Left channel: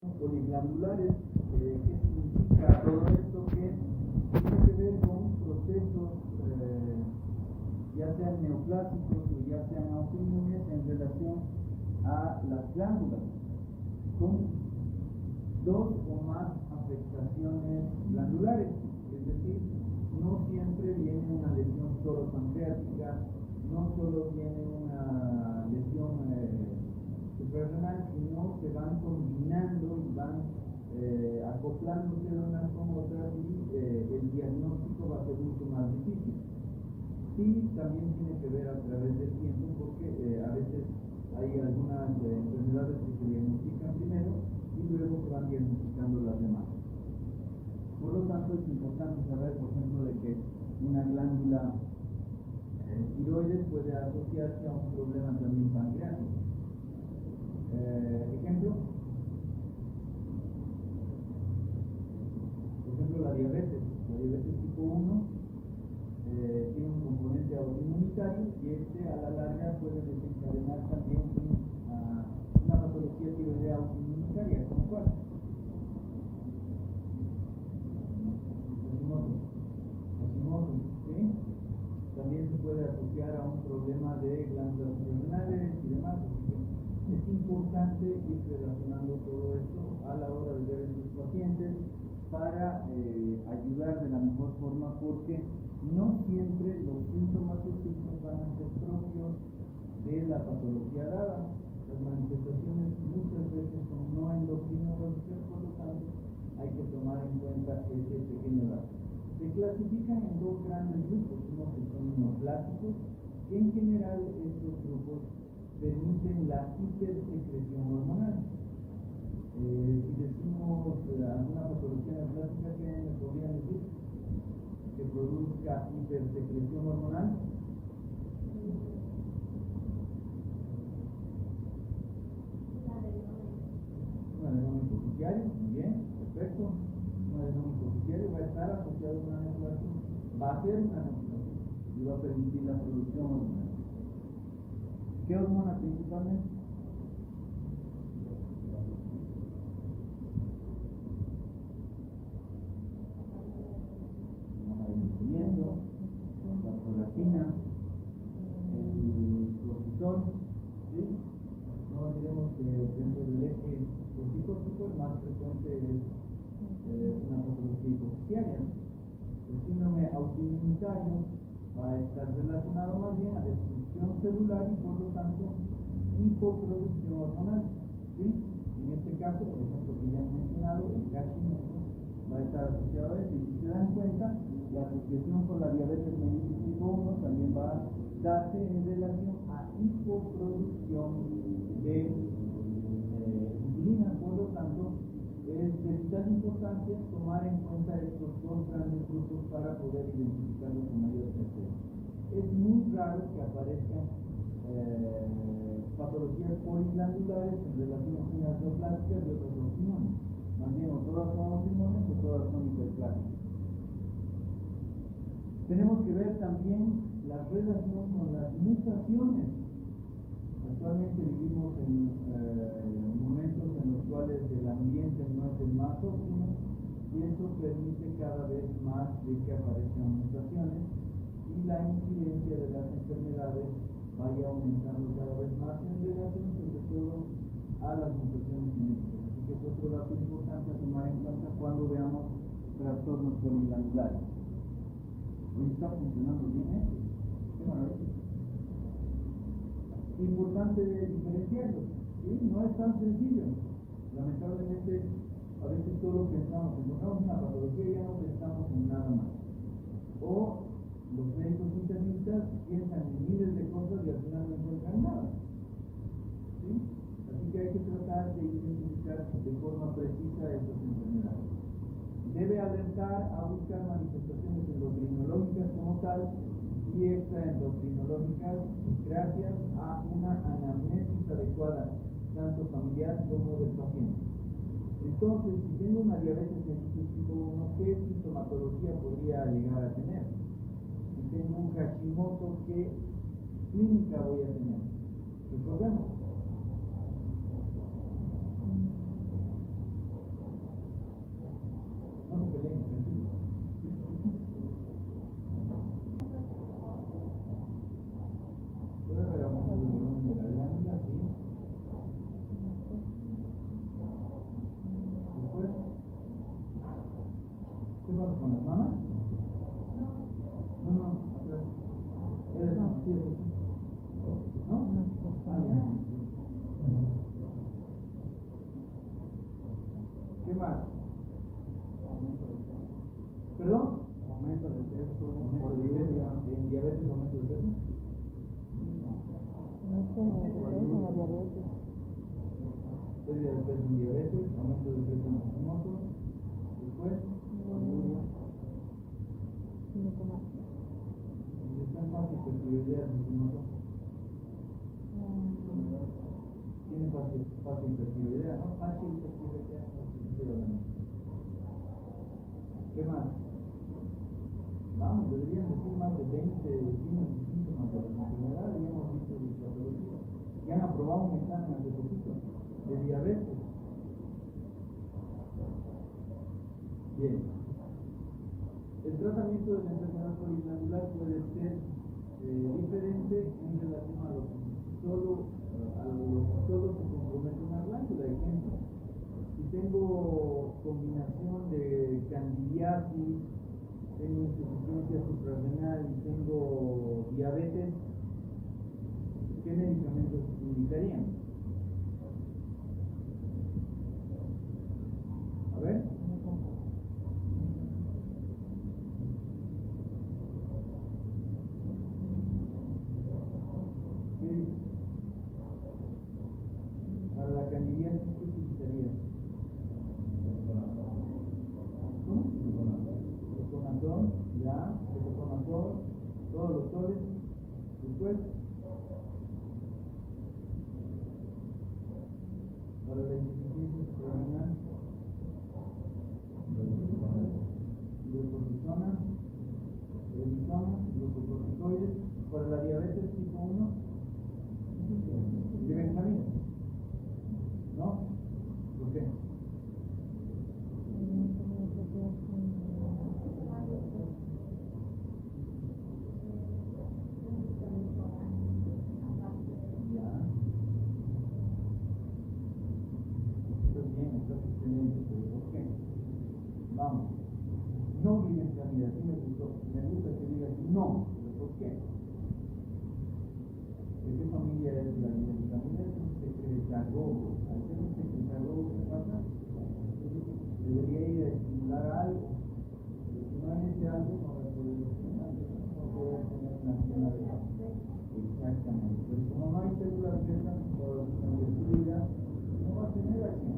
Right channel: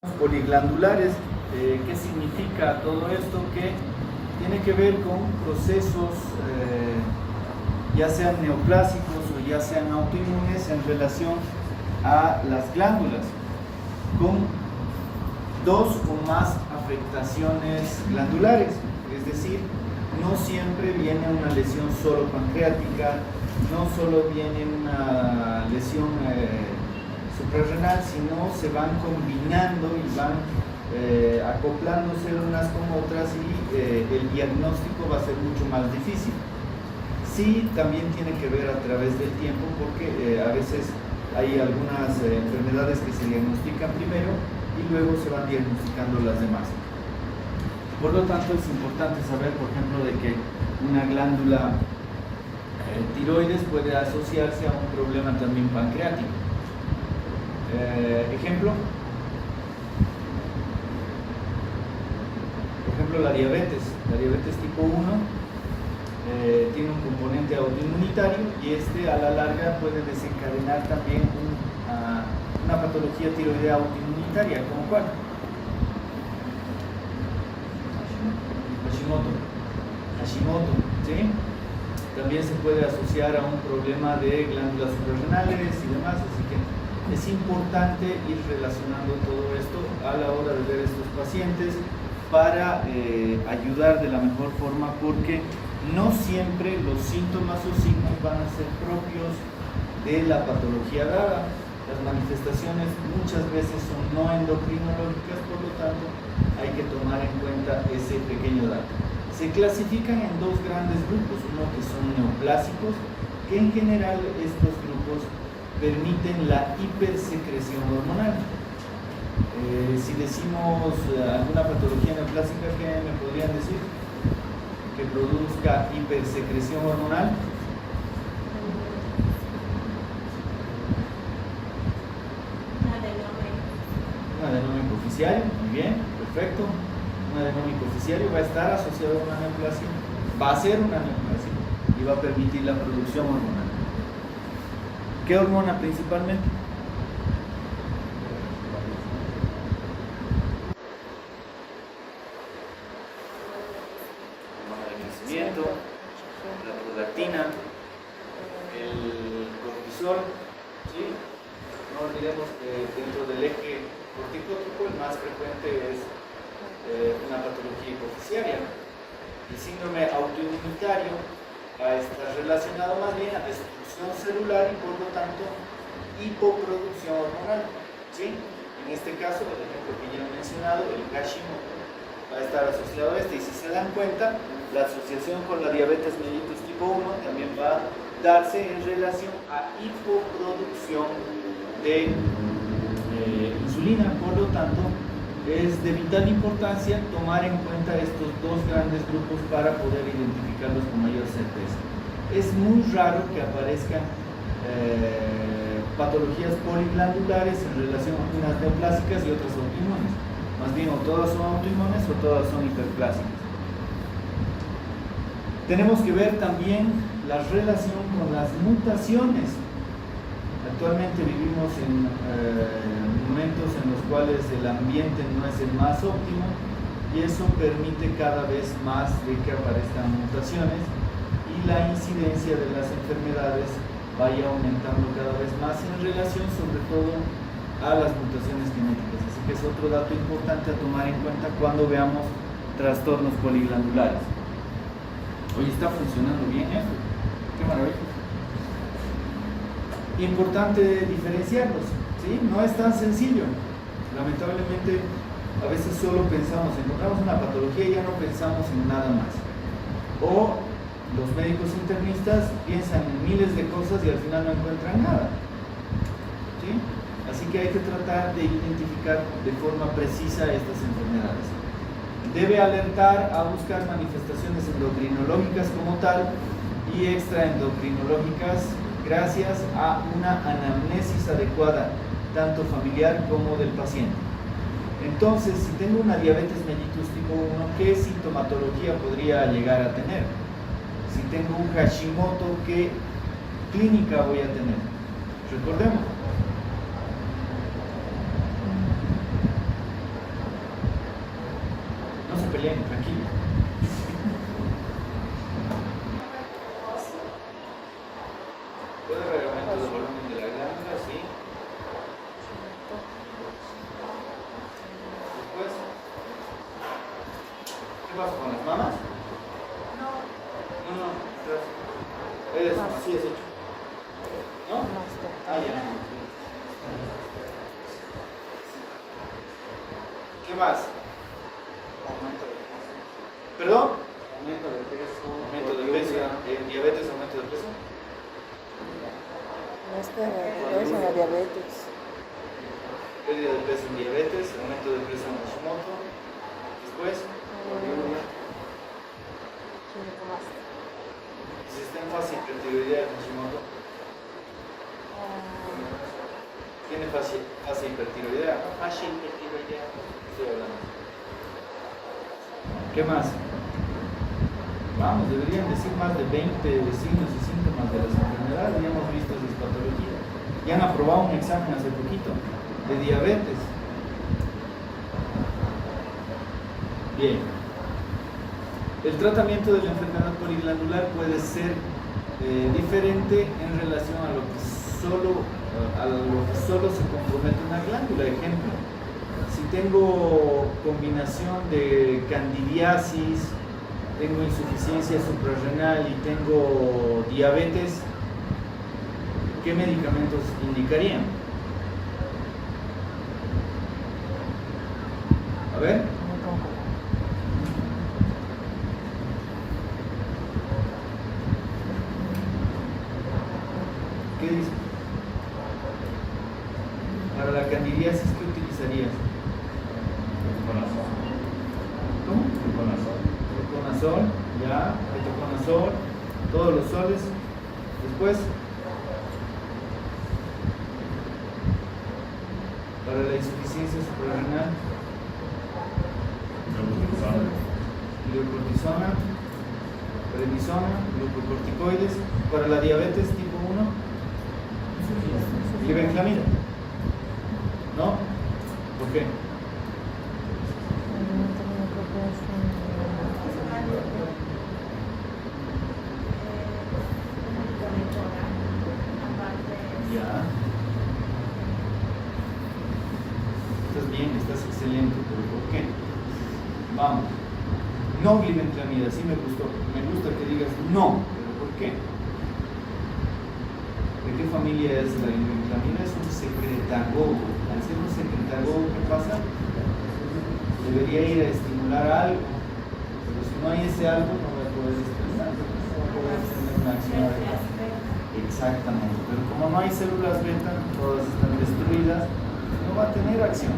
Poliglandulares. ¿Qué significa todo esto? Que tiene que ver con procesos ya sean neoplásicos o ya sean autoinmunes en relación a las glándulas, con dos o más afectaciones glandulares. Es decir, no siempre viene una lesión solo pancreática, no solo viene una lesión suprarrenal, sino se van combinando y van acoplándose unas con otras y el diagnóstico va a ser mucho más difícil. Sí, también tiene que ver a través del tiempo, porque a veces hay algunas enfermedades que se diagnostican primero y luego se van diagnosticando las demás. Por lo tanto, es importante saber, por ejemplo, de que una glándula tiroides puede asociarse a un problema también pancreático. Ejemplo, la diabetes tipo 1 tiene un componente autoinmunitario y este a la larga puede desencadenar también una patología tiroidea autoinmunitaria, ¿como cuál? Hashimoto, ¿sí? También se puede asociar a un problema de glándulas suprarrenales y demás, así que es importante ir relacionando todo esto a la hora de ver estos pacientes para ayudar de la mejor forma, porque no siempre los síntomas o signos van a ser propios de la patología dada. Las manifestaciones muchas veces son no endocrinológicas, por lo tanto hay que tomar en cuenta ese pequeño dato. Se clasifican en dos grandes grupos, uno que son neoplásicos, que en general estos grupos permiten la hipersecreción hormonal. Si decimos alguna patología neoplásica, ¿qué me podrían decir? Que produzca hipersecreción hormonal. Un adenoma hipoficiario, muy bien, perfecto. Un adenoma hipoficiario va a estar asociado a una neoplasia, va a ser una neoplasia y va a permitir la producción hormonal. ¿Qué hormona principalmente? Hormona de crecimiento, la prolactina, el cortisol, ¿sí? No olvidemos que dentro del eje corticótropo el más frecuente es una patología hipoficiaria. El síndrome autoinmunitario va a estar relacionado más bien a destrucción celular y por lo tanto hipoproducción hormonal, ¿sí? En este caso, el ejemplo que ya he mencionado, el Hashimoto, va a estar asociado a este, y si se dan cuenta, la asociación con la diabetes mellitus tipo 1 también va a darse en relación a hipoproducción de insulina. Por lo tanto, es de vital importancia tomar en cuenta estos dos grandes grupos para poder identificarlos con mayor certeza. Es muy raro que aparezcan patologías poliglandulares en relación a unas neoplásicas y otras autoinmunes. Más bien, o todas son autoinmunes o todas son hiperplásicas. Tenemos que ver también la relación con las mutaciones. Actualmente vivimos en momentos en los cuales el ambiente no es el más óptimo y eso permite cada vez más de que aparezcan mutaciones y la incidencia de las enfermedades vaya aumentando cada vez más en relación sobre todo a las mutaciones genéticas. Así que es otro dato importante a tomar en cuenta cuando veamos trastornos poliglandulares. Hoy está funcionando bien esto. Qué maravilla. Importante diferenciarlos, ¿sí? No es tan sencillo. Lamentablemente, a veces solo pensamos, encontramos una patología y ya no pensamos en nada más. O los médicos internistas piensan en miles de cosas y al final no encuentran nada, ¿sí? Así que hay que tratar de identificar de forma precisa estas enfermedades. Debe alertar a buscar manifestaciones endocrinológicas como tal y extraendocrinológicas, gracias a una anamnesis adecuada, tanto familiar como del paciente. Entonces, si tengo una diabetes mellitus tipo 1, ¿qué sintomatología podría llegar a tener? Si tengo un Hashimoto, ¿qué clínica voy a tener? Recordemos, peleen, tranquilo. ¿Puede haber aumento del volumen de la glándula? Sí. Después, ¿qué pasa con las mamas? No, así es hecho. ¿No? Ah, ya. ¿Qué más? ¿Perdón? Aumento de peso. ¿En diabetes aumento de peso? Es la diabetes. Pérdida de peso en diabetes, aumento de peso en Hashimoto. Después, y si está en fase de hipertiroidea de Hashimoto, tiene fase hipertiroidea, ¿no? Fase hipertiroidea, estoy hablando. ¿Qué más? Vamos, deberían decir más de 20 signos y síntomas de las enfermedades. Ya hemos visto esas patologías. Ya han aprobado un examen hace poquito de diabetes. Bien. El tratamiento de la enfermedad poliglandular puede ser diferente en relación a lo que solo se compromete una glándula. Ejemplo, si tengo combinación de candidiasis, tengo insuficiencia suprarrenal y tengo diabetes, ¿qué medicamentos indicarían? A ver. ¿Qué dice? Para la candidiasis, ¿qué utilizarías? ¿Cómo? Ketoconazol, ya, ketoconazol, todos los soles. Después, para la insuficiencia suprarrenal, hidrocortisona, prednisona, glucocorticoides. Para la diabetes tipo 1, glibenclamida. ¿No? ¿Por qué? Ya. Estás bien, estás excelente, pero ¿por qué? Vamos. No glibenclamida, sí me gustó. Me gusta que digas no, pero ¿por qué? ¿De qué familia es la glibenclamida? Es un secretagogo. Al ser un secretagogo, ¿qué pasa? Debería ir a estimular algo, pero si no hay ese algo, no va a poder estimular, no va a poder tener una acción adecuada. Exactamente, pero como no hay células beta, todas están destruidas, no va a tener acción.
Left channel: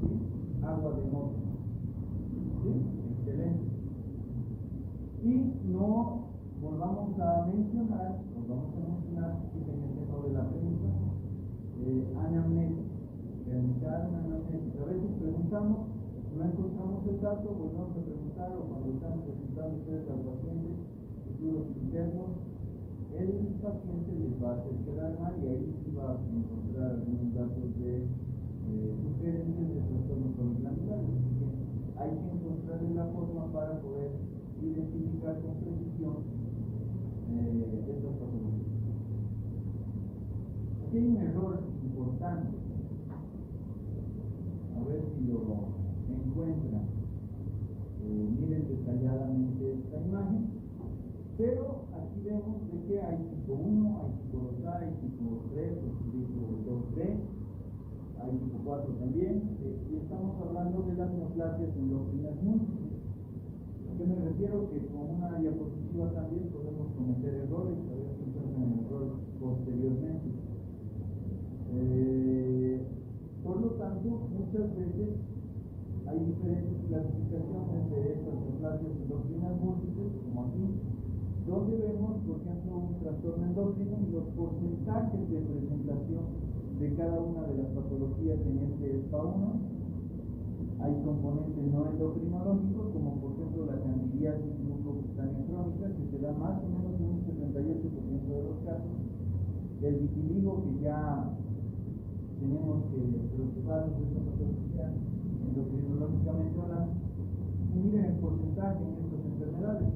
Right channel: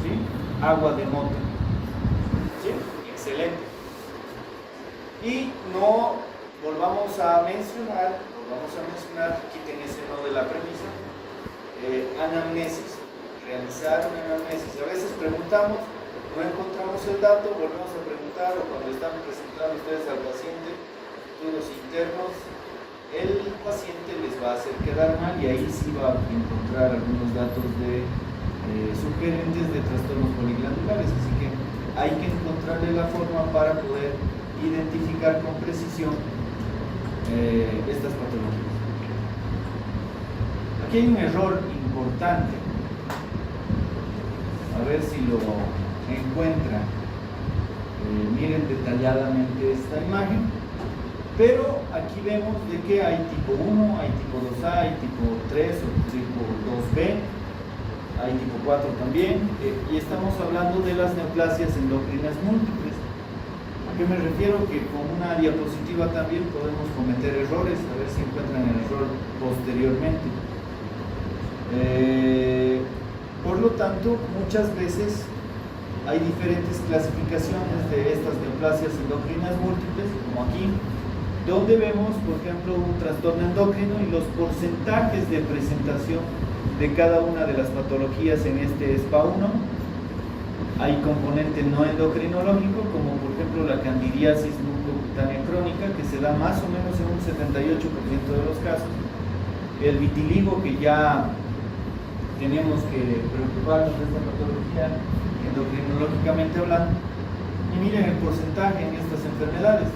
¿Sí? Agua de mote. ¿Sí? Excelente. Y no volvamos a mencionar, quiten ese no de la premisa, anamnesis, realizar una anamnesis. A veces preguntamos, no encontramos el dato, volvemos a preguntar, o cuando están presentando ustedes al paciente estudios internos, el paciente les va a hacer quedar mal y ahí sí va a encontrar algunos datos de sugerentes de trastornos poliglandulares, así que hay que encontrarle la forma para poder identificar con precisión estas patologías. Aquí hay un error importante, a ver si lo encuentran. Miren detalladamente esta imagen, pero aquí vemos de que hay tipo 1, hay tipo 2A, hay tipo 3 o tipo 2B, hay tipo 4 también, y estamos hablando de las neoplasias endocrinas múltiples. ¿A qué me refiero? Que con una diapositiva también podemos cometer errores, a ver si encuentran el error posteriormente. Por lo tanto, muchas veces hay diferentes clasificaciones de estas neoplasias endocrinas múltiples, como aquí, donde vemos, por ejemplo, un trastorno endocrino y los porcentajes de presentación de cada una de las patologías en este SPA1. Hay componente no endocrinológico, como por ejemplo la candidiasis mucocutánea crónica, que se da más o menos en un 78% de los casos. El vitiligo, que ya tenemos que preocuparnos de esta patología endocrinológicamente hablando. Y miren el porcentaje en estas enfermedades.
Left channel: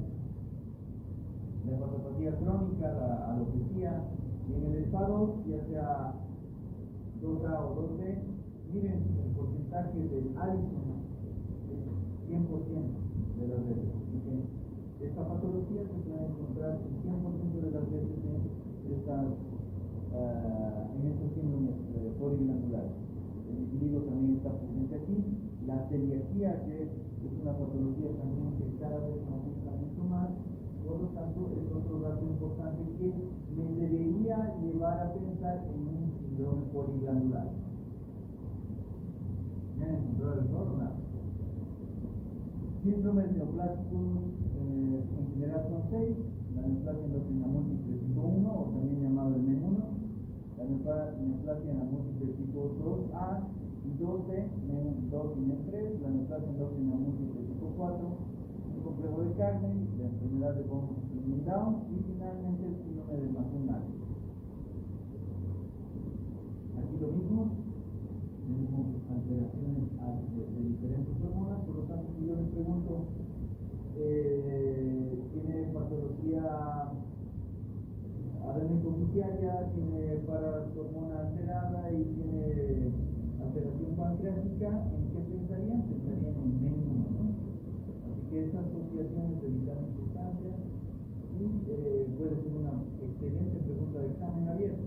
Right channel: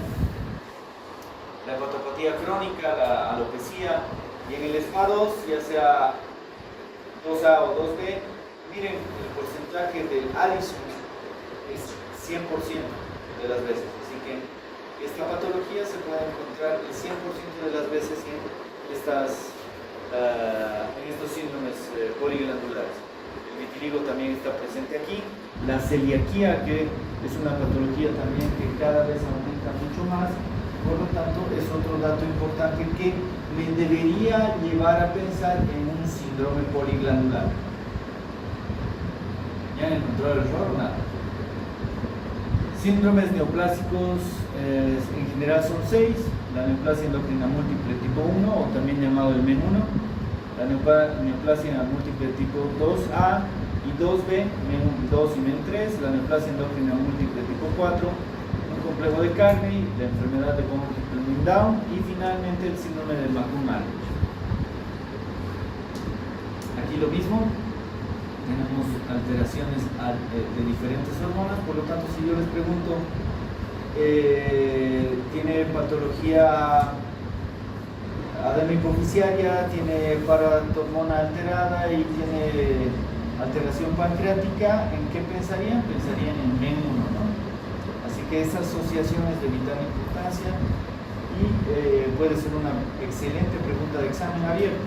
La hepatopatía crónica, la alopecia, y en el SPA2, ya sea 2A o 2B, miren el porcentaje del Addison es 100% de las veces. Así que esta patología se puede encontrar el 100% de las veces en estos síndromes poliglandulares. El vitiligo también está presente aquí. La celiaquía, que es una patología también que cada vez aumenta mucho más. Por lo tanto, es otro dato importante que me debería llevar a pensar en un síndrome poliglandular. ¿Ya han encontrado el error o nada? Síndromes neoplásicos en general son 6. La neoplasia endocrina múltiple tipo 1, o también llamado el MEN1. La neoplasia múltiple tipo 2A y 2B, MEN2 y MEN3. La neoplasia endocrina múltiple tipo 4. Complejo de Carney, la enfermedad de von Hippel-Lindau y finalmente el síndrome de McCune-Marriage. Aquí lo mismo, tenemos alteraciones de diferentes hormonas, por lo tanto si yo les pregunto, ¿tiene patología adenohipoficiaria, tiene paratormona alterada y tiene alteración pancreática? ¿En qué pensarían? Pensarían en MEN1, ¿no? Así que esa asociación es de vital importancia y puede ser una excelente pregunta de examen abierto.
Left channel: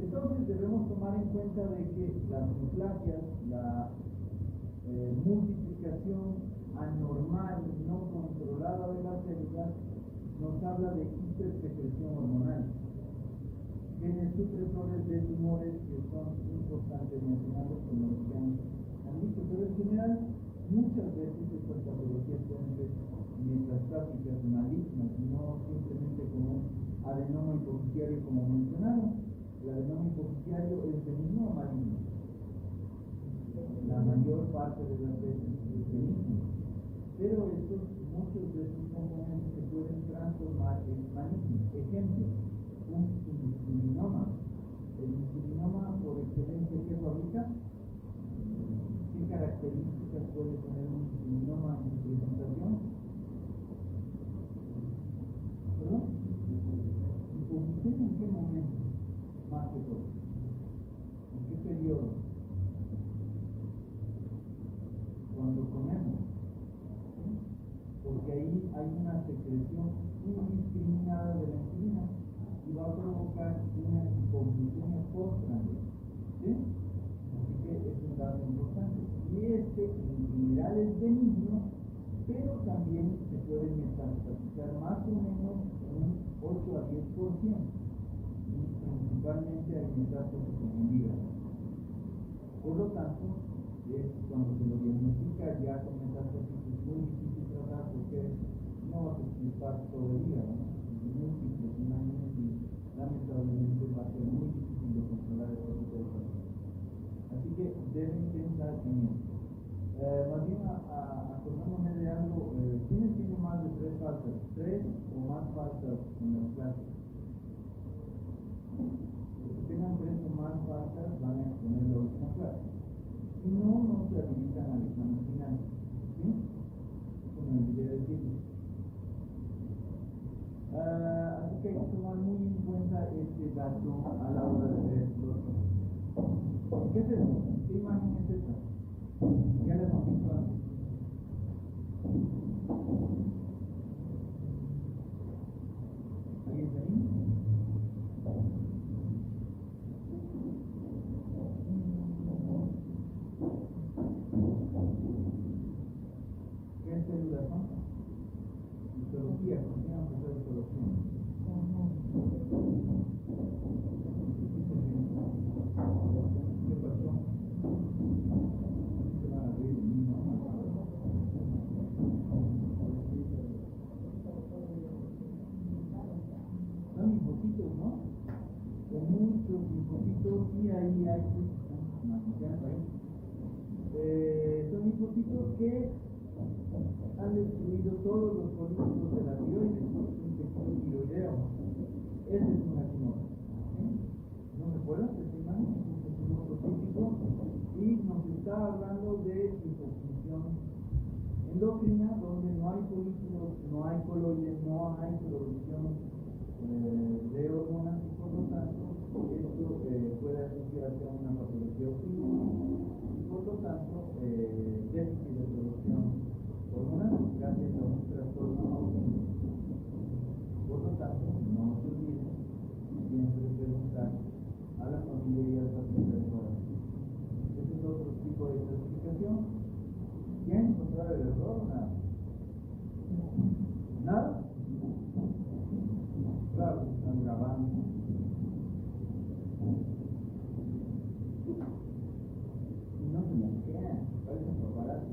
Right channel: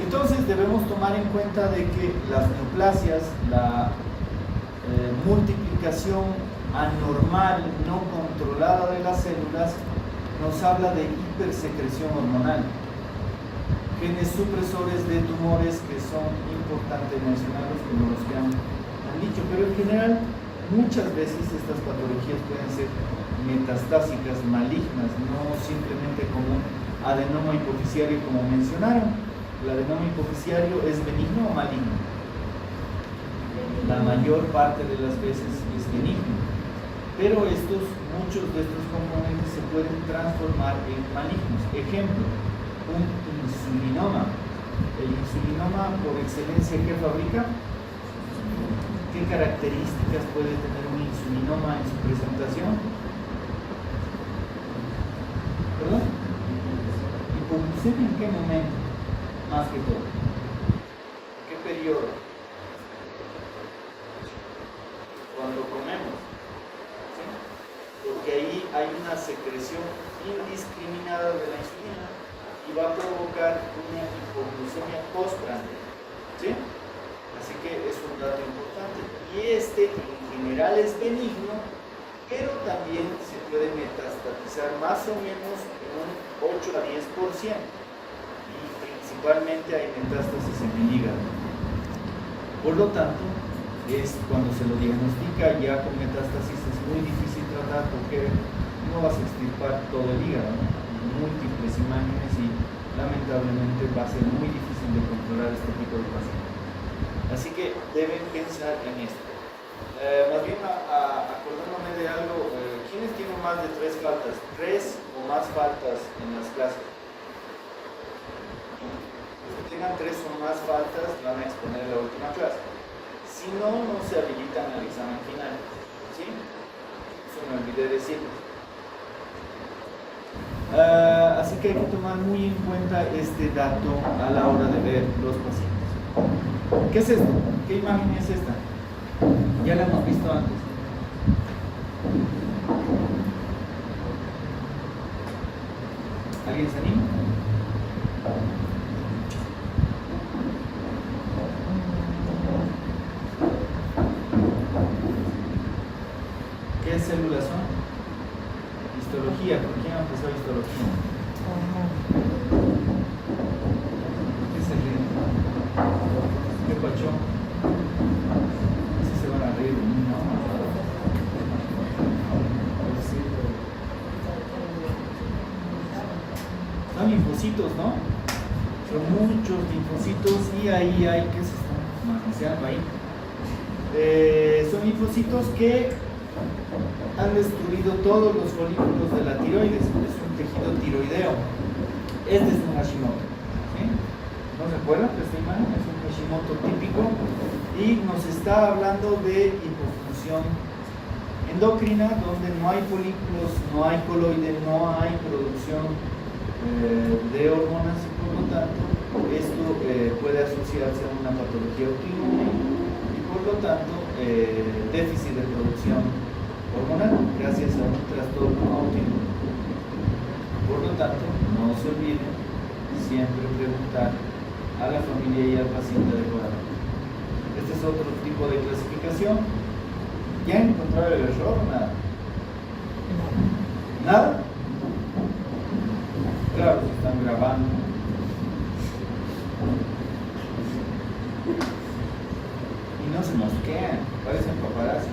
Entonces debemos tomar en cuenta de que las neoplasias, la multiplicación anormal no controlada de las células nos habla de hipersecreción hormonal, genes supresores de tumores que son importantes mencionarlos como los que han dicho, pero en general muchas veces estas patologías pueden ser metastásicas, malignas, no simplemente como un adenoma hipoficiario como mencionaron. ¿El adenoma hipoficiario es benigno o maligno? La mayor parte de las veces es benigno, pero muchos de estos componentes se pueden transformar en malignos. Ejemplo, un insulinoma. El insulinoma por excelencia, ¿qué fabrica? ¿Qué características puede tener un insulinoma en su presentación? ¿Perdón? ¿Hipoglucemia en qué momento? Más que todo. ¿En qué periodo? Cuando comemos. ¿Sí? Porque ahí hay una secreción indiscriminada de la insulina y va a provocar una hipoglucemia postprandial. ¿Sí? Así que es un dato importante. Y en general es benigno, pero también se puede metastatizar más o menos en un 8 a 10%. Y principalmente hay metástasis en el hígado. Por lo tanto, cuando se lo diagnostica ya con metástasis es muy difícil tratar porque no vas a extirpar todo el hígado, ¿no? Múltiples imágenes y lamentablemente va a ser muy difícil de controlar este tipo de pacientes. Así que deben pensar en esto. Más bien, acordándome de algo, ¿quiénes tienen más de 3 faltas? 3 o más faltas en las clases. Los que tengan 3 o más faltas van a exponer la última clase. Si no, no se habilitan al examen final. ¿Sí? Eso me olvidé decirles. Así que hay que tomar muy en cuenta este dato a la hora de ver los pacientes. ¿Qué es esto? ¿Qué imagen es esta? Ya la hemos visto antes. ¿Alguien se anima? ¿Qué células son? Histología. ¿Por quién empezó histología? ¿Qué se ríe? ¿Qué pacho? Así se van a reír. Son linfocitos, ¿no? Son muchos linfocitos y ahí hay que se están manoseando ahí. Son linfocitos que han destruido todos los folículos de la tiroides. Es un tejido tiroideo. Este es un Hashimoto. ¿Sí? ¿No se acuerdan de esta imagen? Es un Hashimoto típico y y nos está hablando de hipofunción endocrina, donde no hay folículos, no hay coloide, no hay producción de hormonas y por lo tanto esto puede asociarse a una patología autoinmune y por lo tanto déficit de producción hormonal gracias a un trastorno autoinmune. Por lo tanto, no se olviden siempre preguntar a la familia y al paciente adecuadamente. Este es otro tipo de clasificación. ¿Ya encontraron el error o nada? ¿Nada? Claro, se están grabando. Y no se mosquean, parecen paparazzi.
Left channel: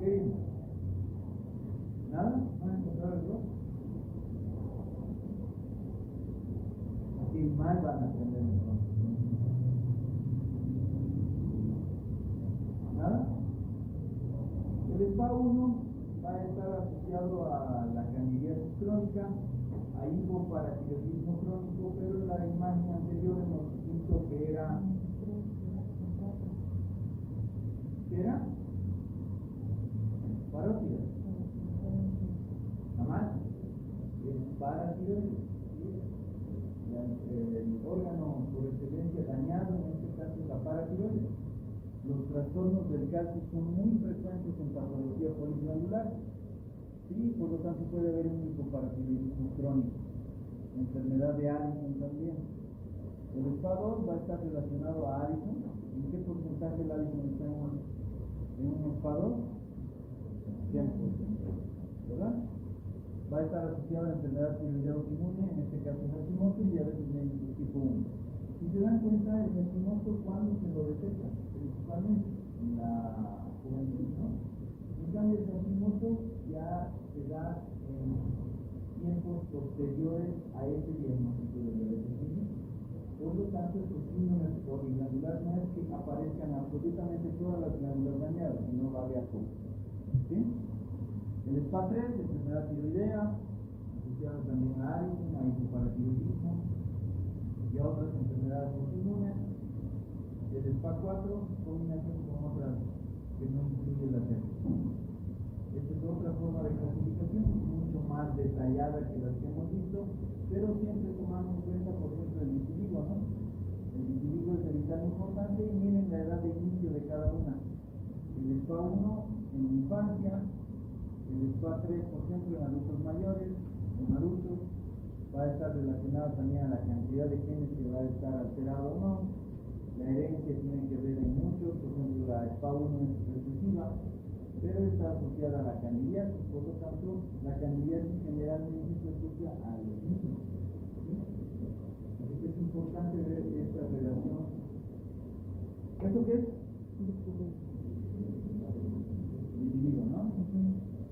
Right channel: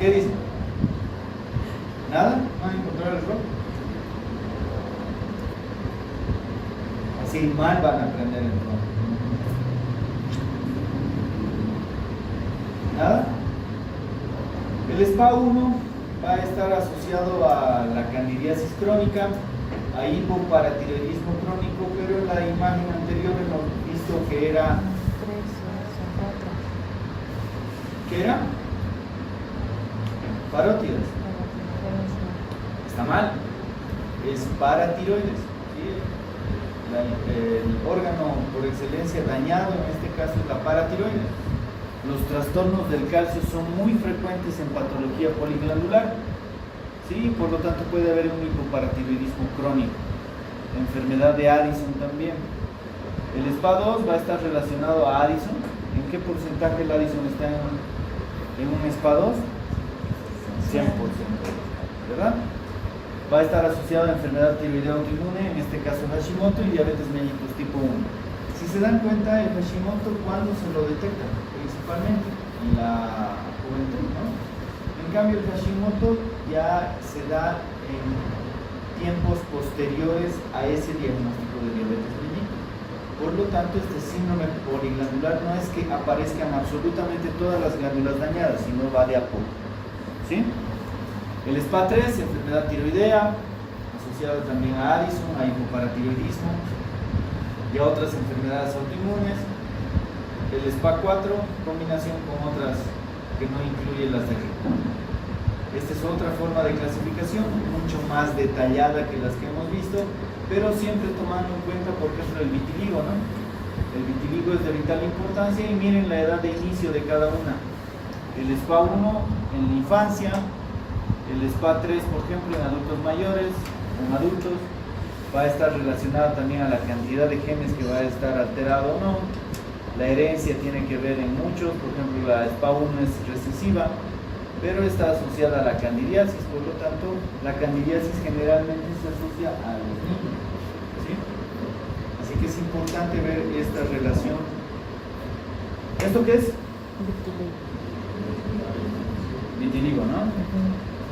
¿Qué dicen? ¿Nada? ¿No han encontrado el error? Así mal van a aprender el error. ¿Nada? El SPA1 va a estar asociado a la candidiasis crónica, a hipoparatiroidismo crónico, pero en la imagen anterior hemos visto que era... ¿Qué era? Parótidas. Está mal. Es paratiroides. ¿Sí? El órgano por excelencia dañado en este caso es la paratiroides. Los trastornos del calcio son muy frecuentes en patología poliglandular, ¿sí? Por lo tanto puede haber un hipoparatiroidismo crónico, enfermedad de Addison también. El SPA2 va a estar relacionado a Addison. ¿En qué porcentaje el Addison está en un SPA2? 100%, ¿verdad? Va a estar asociado a enfermedad tiroidea autoinmune, en este caso Hashimoto, y diabetes mellitus tipo 1. Si se dan cuenta, el Hashimoto, ¿cuándo se lo detecta? Principalmente en la juventud, ¿no? En cambio, el Hashimoto ya se da en tiempos posteriores a ese diagnóstico de diabetes mellitus. Por lo tanto, este síndrome poliglandular no es que aparezcan absolutamente todas las glándulas dañadas, sino va de a poco, ¿sí? El SPA3, enfermedad tiroidea, asociada también a Addison, a hipoparatiroidismo y a otras enfermedades autoinmunes. El SPA4, combinación con otras que no incluyen las de arriba. Esta es otra forma de clasificación, mucho más detallada que las que hemos visto, pero siempre tomando en cuenta, por ejemplo, el vitiligo, ¿no? El vitiligo es de vital importancia y miren la edad de inicio de cada una. El SPA1 en la infancia, el SPA3, por ejemplo, en adultos mayores, en adultos, va a estar relacionado también a la cantidad de genes que va a estar alterado o no. La herencia tiene que ver en muchos, por ejemplo, la SPA1 es recesiva, pero está asociada a la candidiasis, por lo tanto, la candidiasis generalmente se asocia a los niños, ¿sí? Así que es importante ver esta relación. ¿Esto qué es? Vitiligo, ¿no?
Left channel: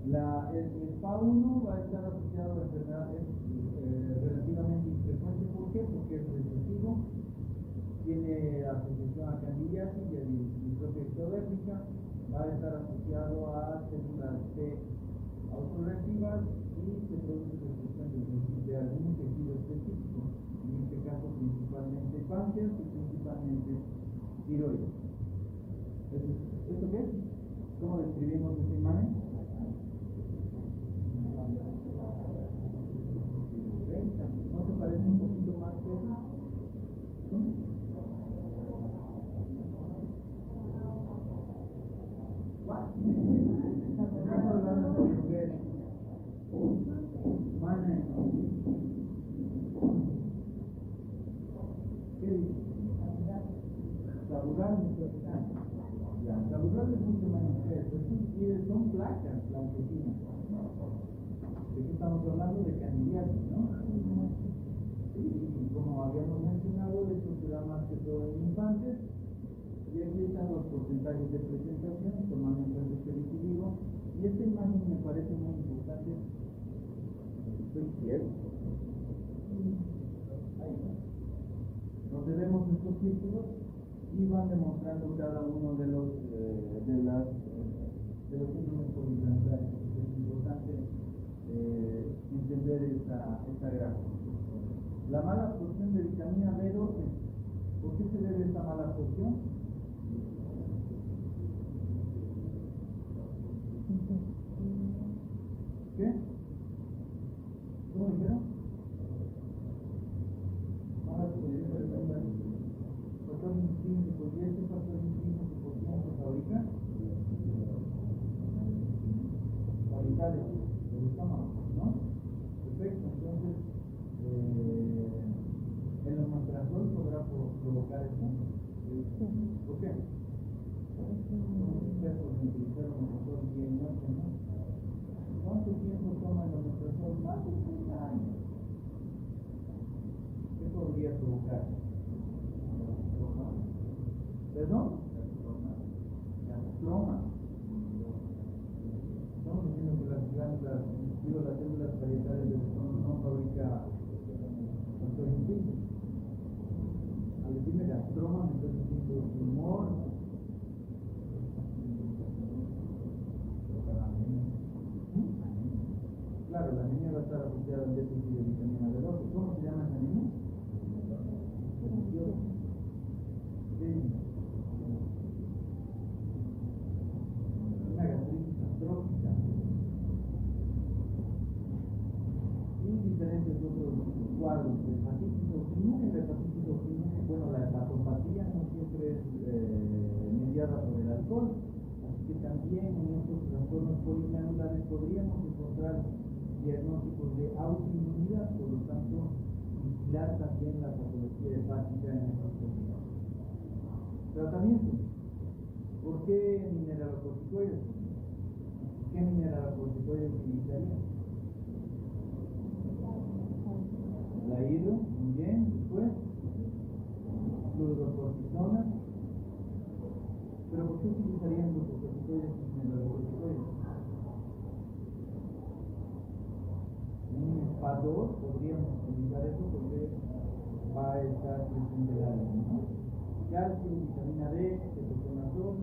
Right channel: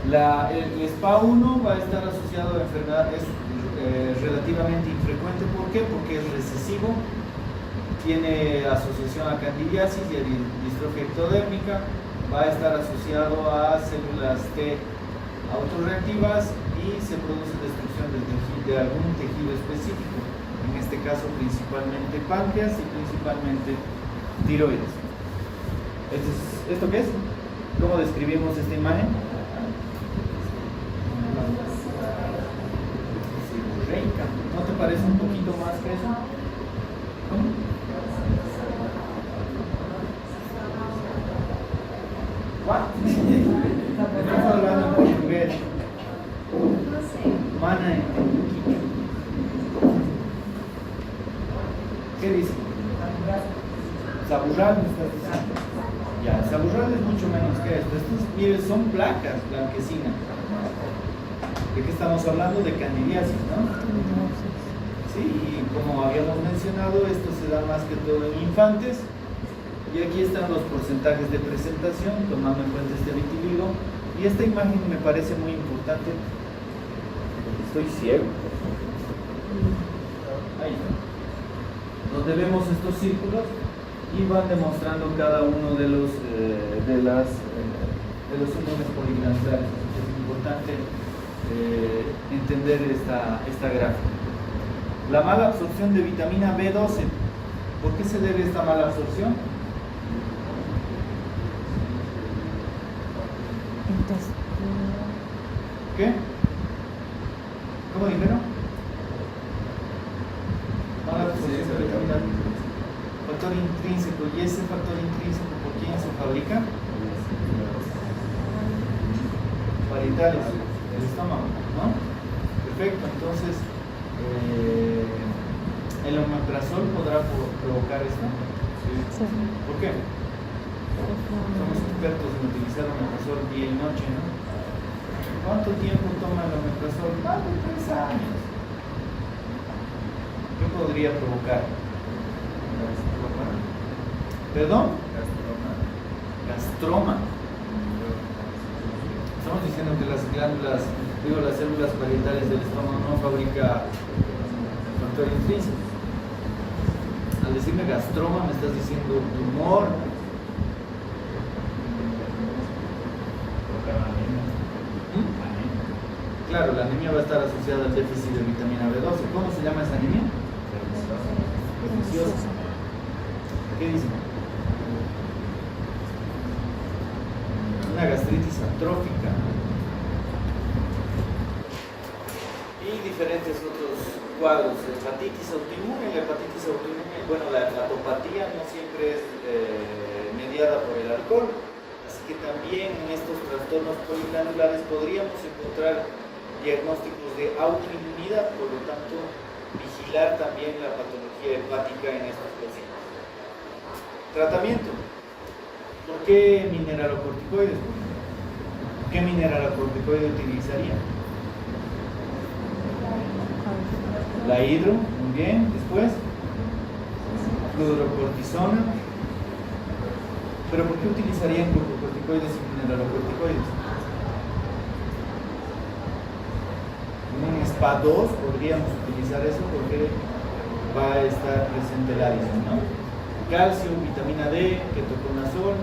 El SPA1 va a estar asociado a enfermedades relativamente infrecuente. ¿Por qué? Porque es recesivo, tiene asociación a candidiasis y a distrofia ectodérmica, va a estar asociado a células T autorreactivas y se produce destrucción de algún tejido específico, en este caso principalmente páncreas y principalmente tiroides. ¿Esto qué es? ¿Cómo describimos esta imagen? ¿No te parece un poquito más que eso? ¿Cómo? ¿What? Estamos hablando en portugués. Mana en quichua. ¿Qué dice? Saburral me estás diciendo. Ya, saburral es mucho menos que esto. Estos, miren, son placas blanquecinas. ¿De qué estamos hablando? De candidiasis, ¿no? Sí, y como habíamos mencionado, esto se da más que todo en infantes. Y aquí están los porcentajes de presentación, tomando en cuenta este vitiligo. Y esta imagen me parece muy importante, porque estoy ciego. Ahí está. Donde vemos estos círculos y van demostrando cada uno de los síndromes poliglandulares. Es importante entender esta gráfica. La mala absorción de vitamina B12. ¿Por qué se debe esta mala absorción? ¿Qué? ¿Cómo dijeron? Mala absorción de vitamina B. Factor intrínseco. ¿Y ese factor intrínseco por quién se fabrica? Parietales del estómago, ¿no? Perfecto, entonces ¿el omeprazol podrá provocar esto? Sí. ¿Por qué? Somos expertos en utilizar omeprazol día y noche, ¿no? ¿Cuánto tiempo toma el omeprazol? Más de 3 años. ¿Qué podría provocar? ¿Perdón? Gastroma. Estamos diciendo que las glándulas, las células parietales del estómago no fabrican factor intrínseco. Al decirme gastroma me estás diciendo tumor. Claro, la anemia va a estar asociada al déficit de vitamina B12. ¿Cómo se llama esa anemia? Perniciosa. ¿Qué dicen? Una gastritis atrófica. Y diferentes otros cuadros. Hepatitis autoinmune. La hepatitis autoinmune, bueno, la hepatopatía no siempre es mediada por el alcohol. Así que también en estos trastornos poliglandulares podríamos encontrar diagnósticos de autoinmunidad, por lo tanto, vigilar también la patología hepática en estos pacientes. Tratamiento. ¿Por qué mineralocorticoides? ¿Qué mineralocorticoide utilizaría? La hidro, muy bien. Después, fluorocortisona. ¿Pero por qué utilizarían glucocorticoides y mineralocorticoides? Un SPA2 podríamos utilizar eso porque va a estar presente el Addison, ¿no? Calcio, vitamina D, ketoconazol,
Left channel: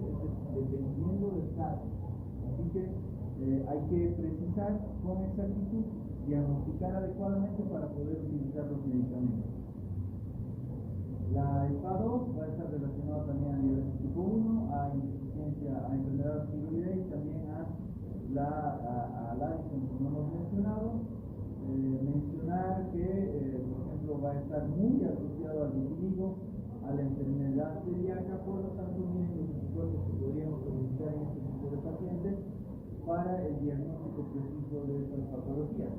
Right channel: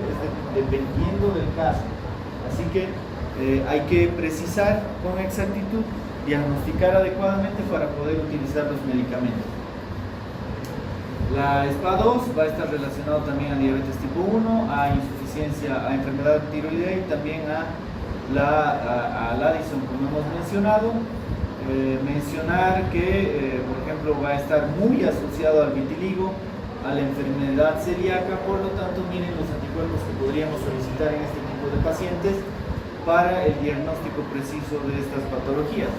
dependiendo del caso. Así que hay que precisar con exactitud, diagnosticar adecuadamente para poder utilizar los medicamentos. La SPA2 va a estar relacionado también a diabetes tipo 1, a insuficiencia, a enfermedad tiroidea y también al Addison, como hemos mencionado. Mencionar que, por ejemplo, va a estar muy asociado al vitiligo, a la enfermedad celíaca, por lo tanto, miren los anticuerpos que podríamos solicitar en este tipo de pacientes para el diagnóstico preciso de estas patologías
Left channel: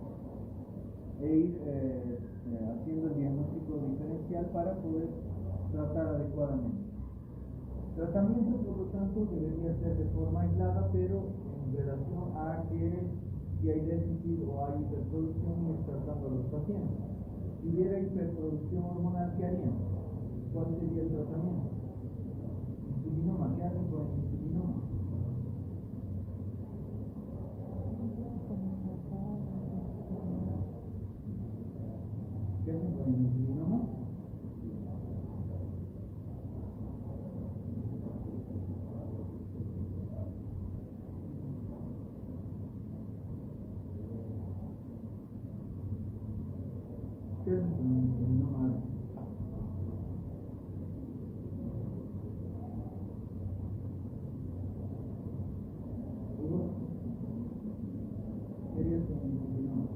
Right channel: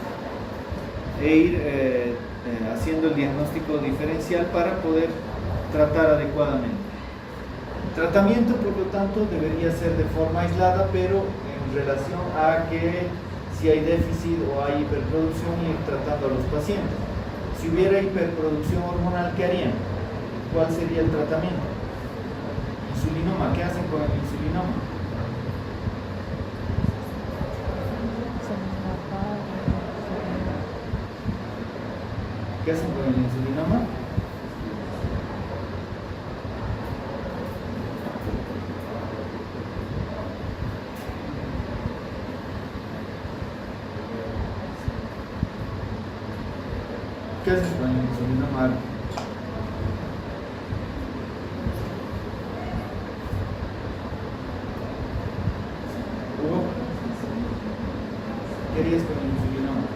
e ir haciendo el diagnóstico diferencial para poder tratar adecuadamente. Tratamiento, por lo tanto, debería ser de forma aislada, pero en relación a que si hay déficit o hay hiperproducción, ir tratando a los pacientes. Si hubiera hiperproducción hormonal, ¿qué harían? ¿Cuál sería el tratamiento? Insulinoma. ¿Qué hacen con el insulinoma? ¿Qué hacen con el insulinoma? ¿Qué haces con el insulinoma? Hugo, ¿qué harías con el insulinoma?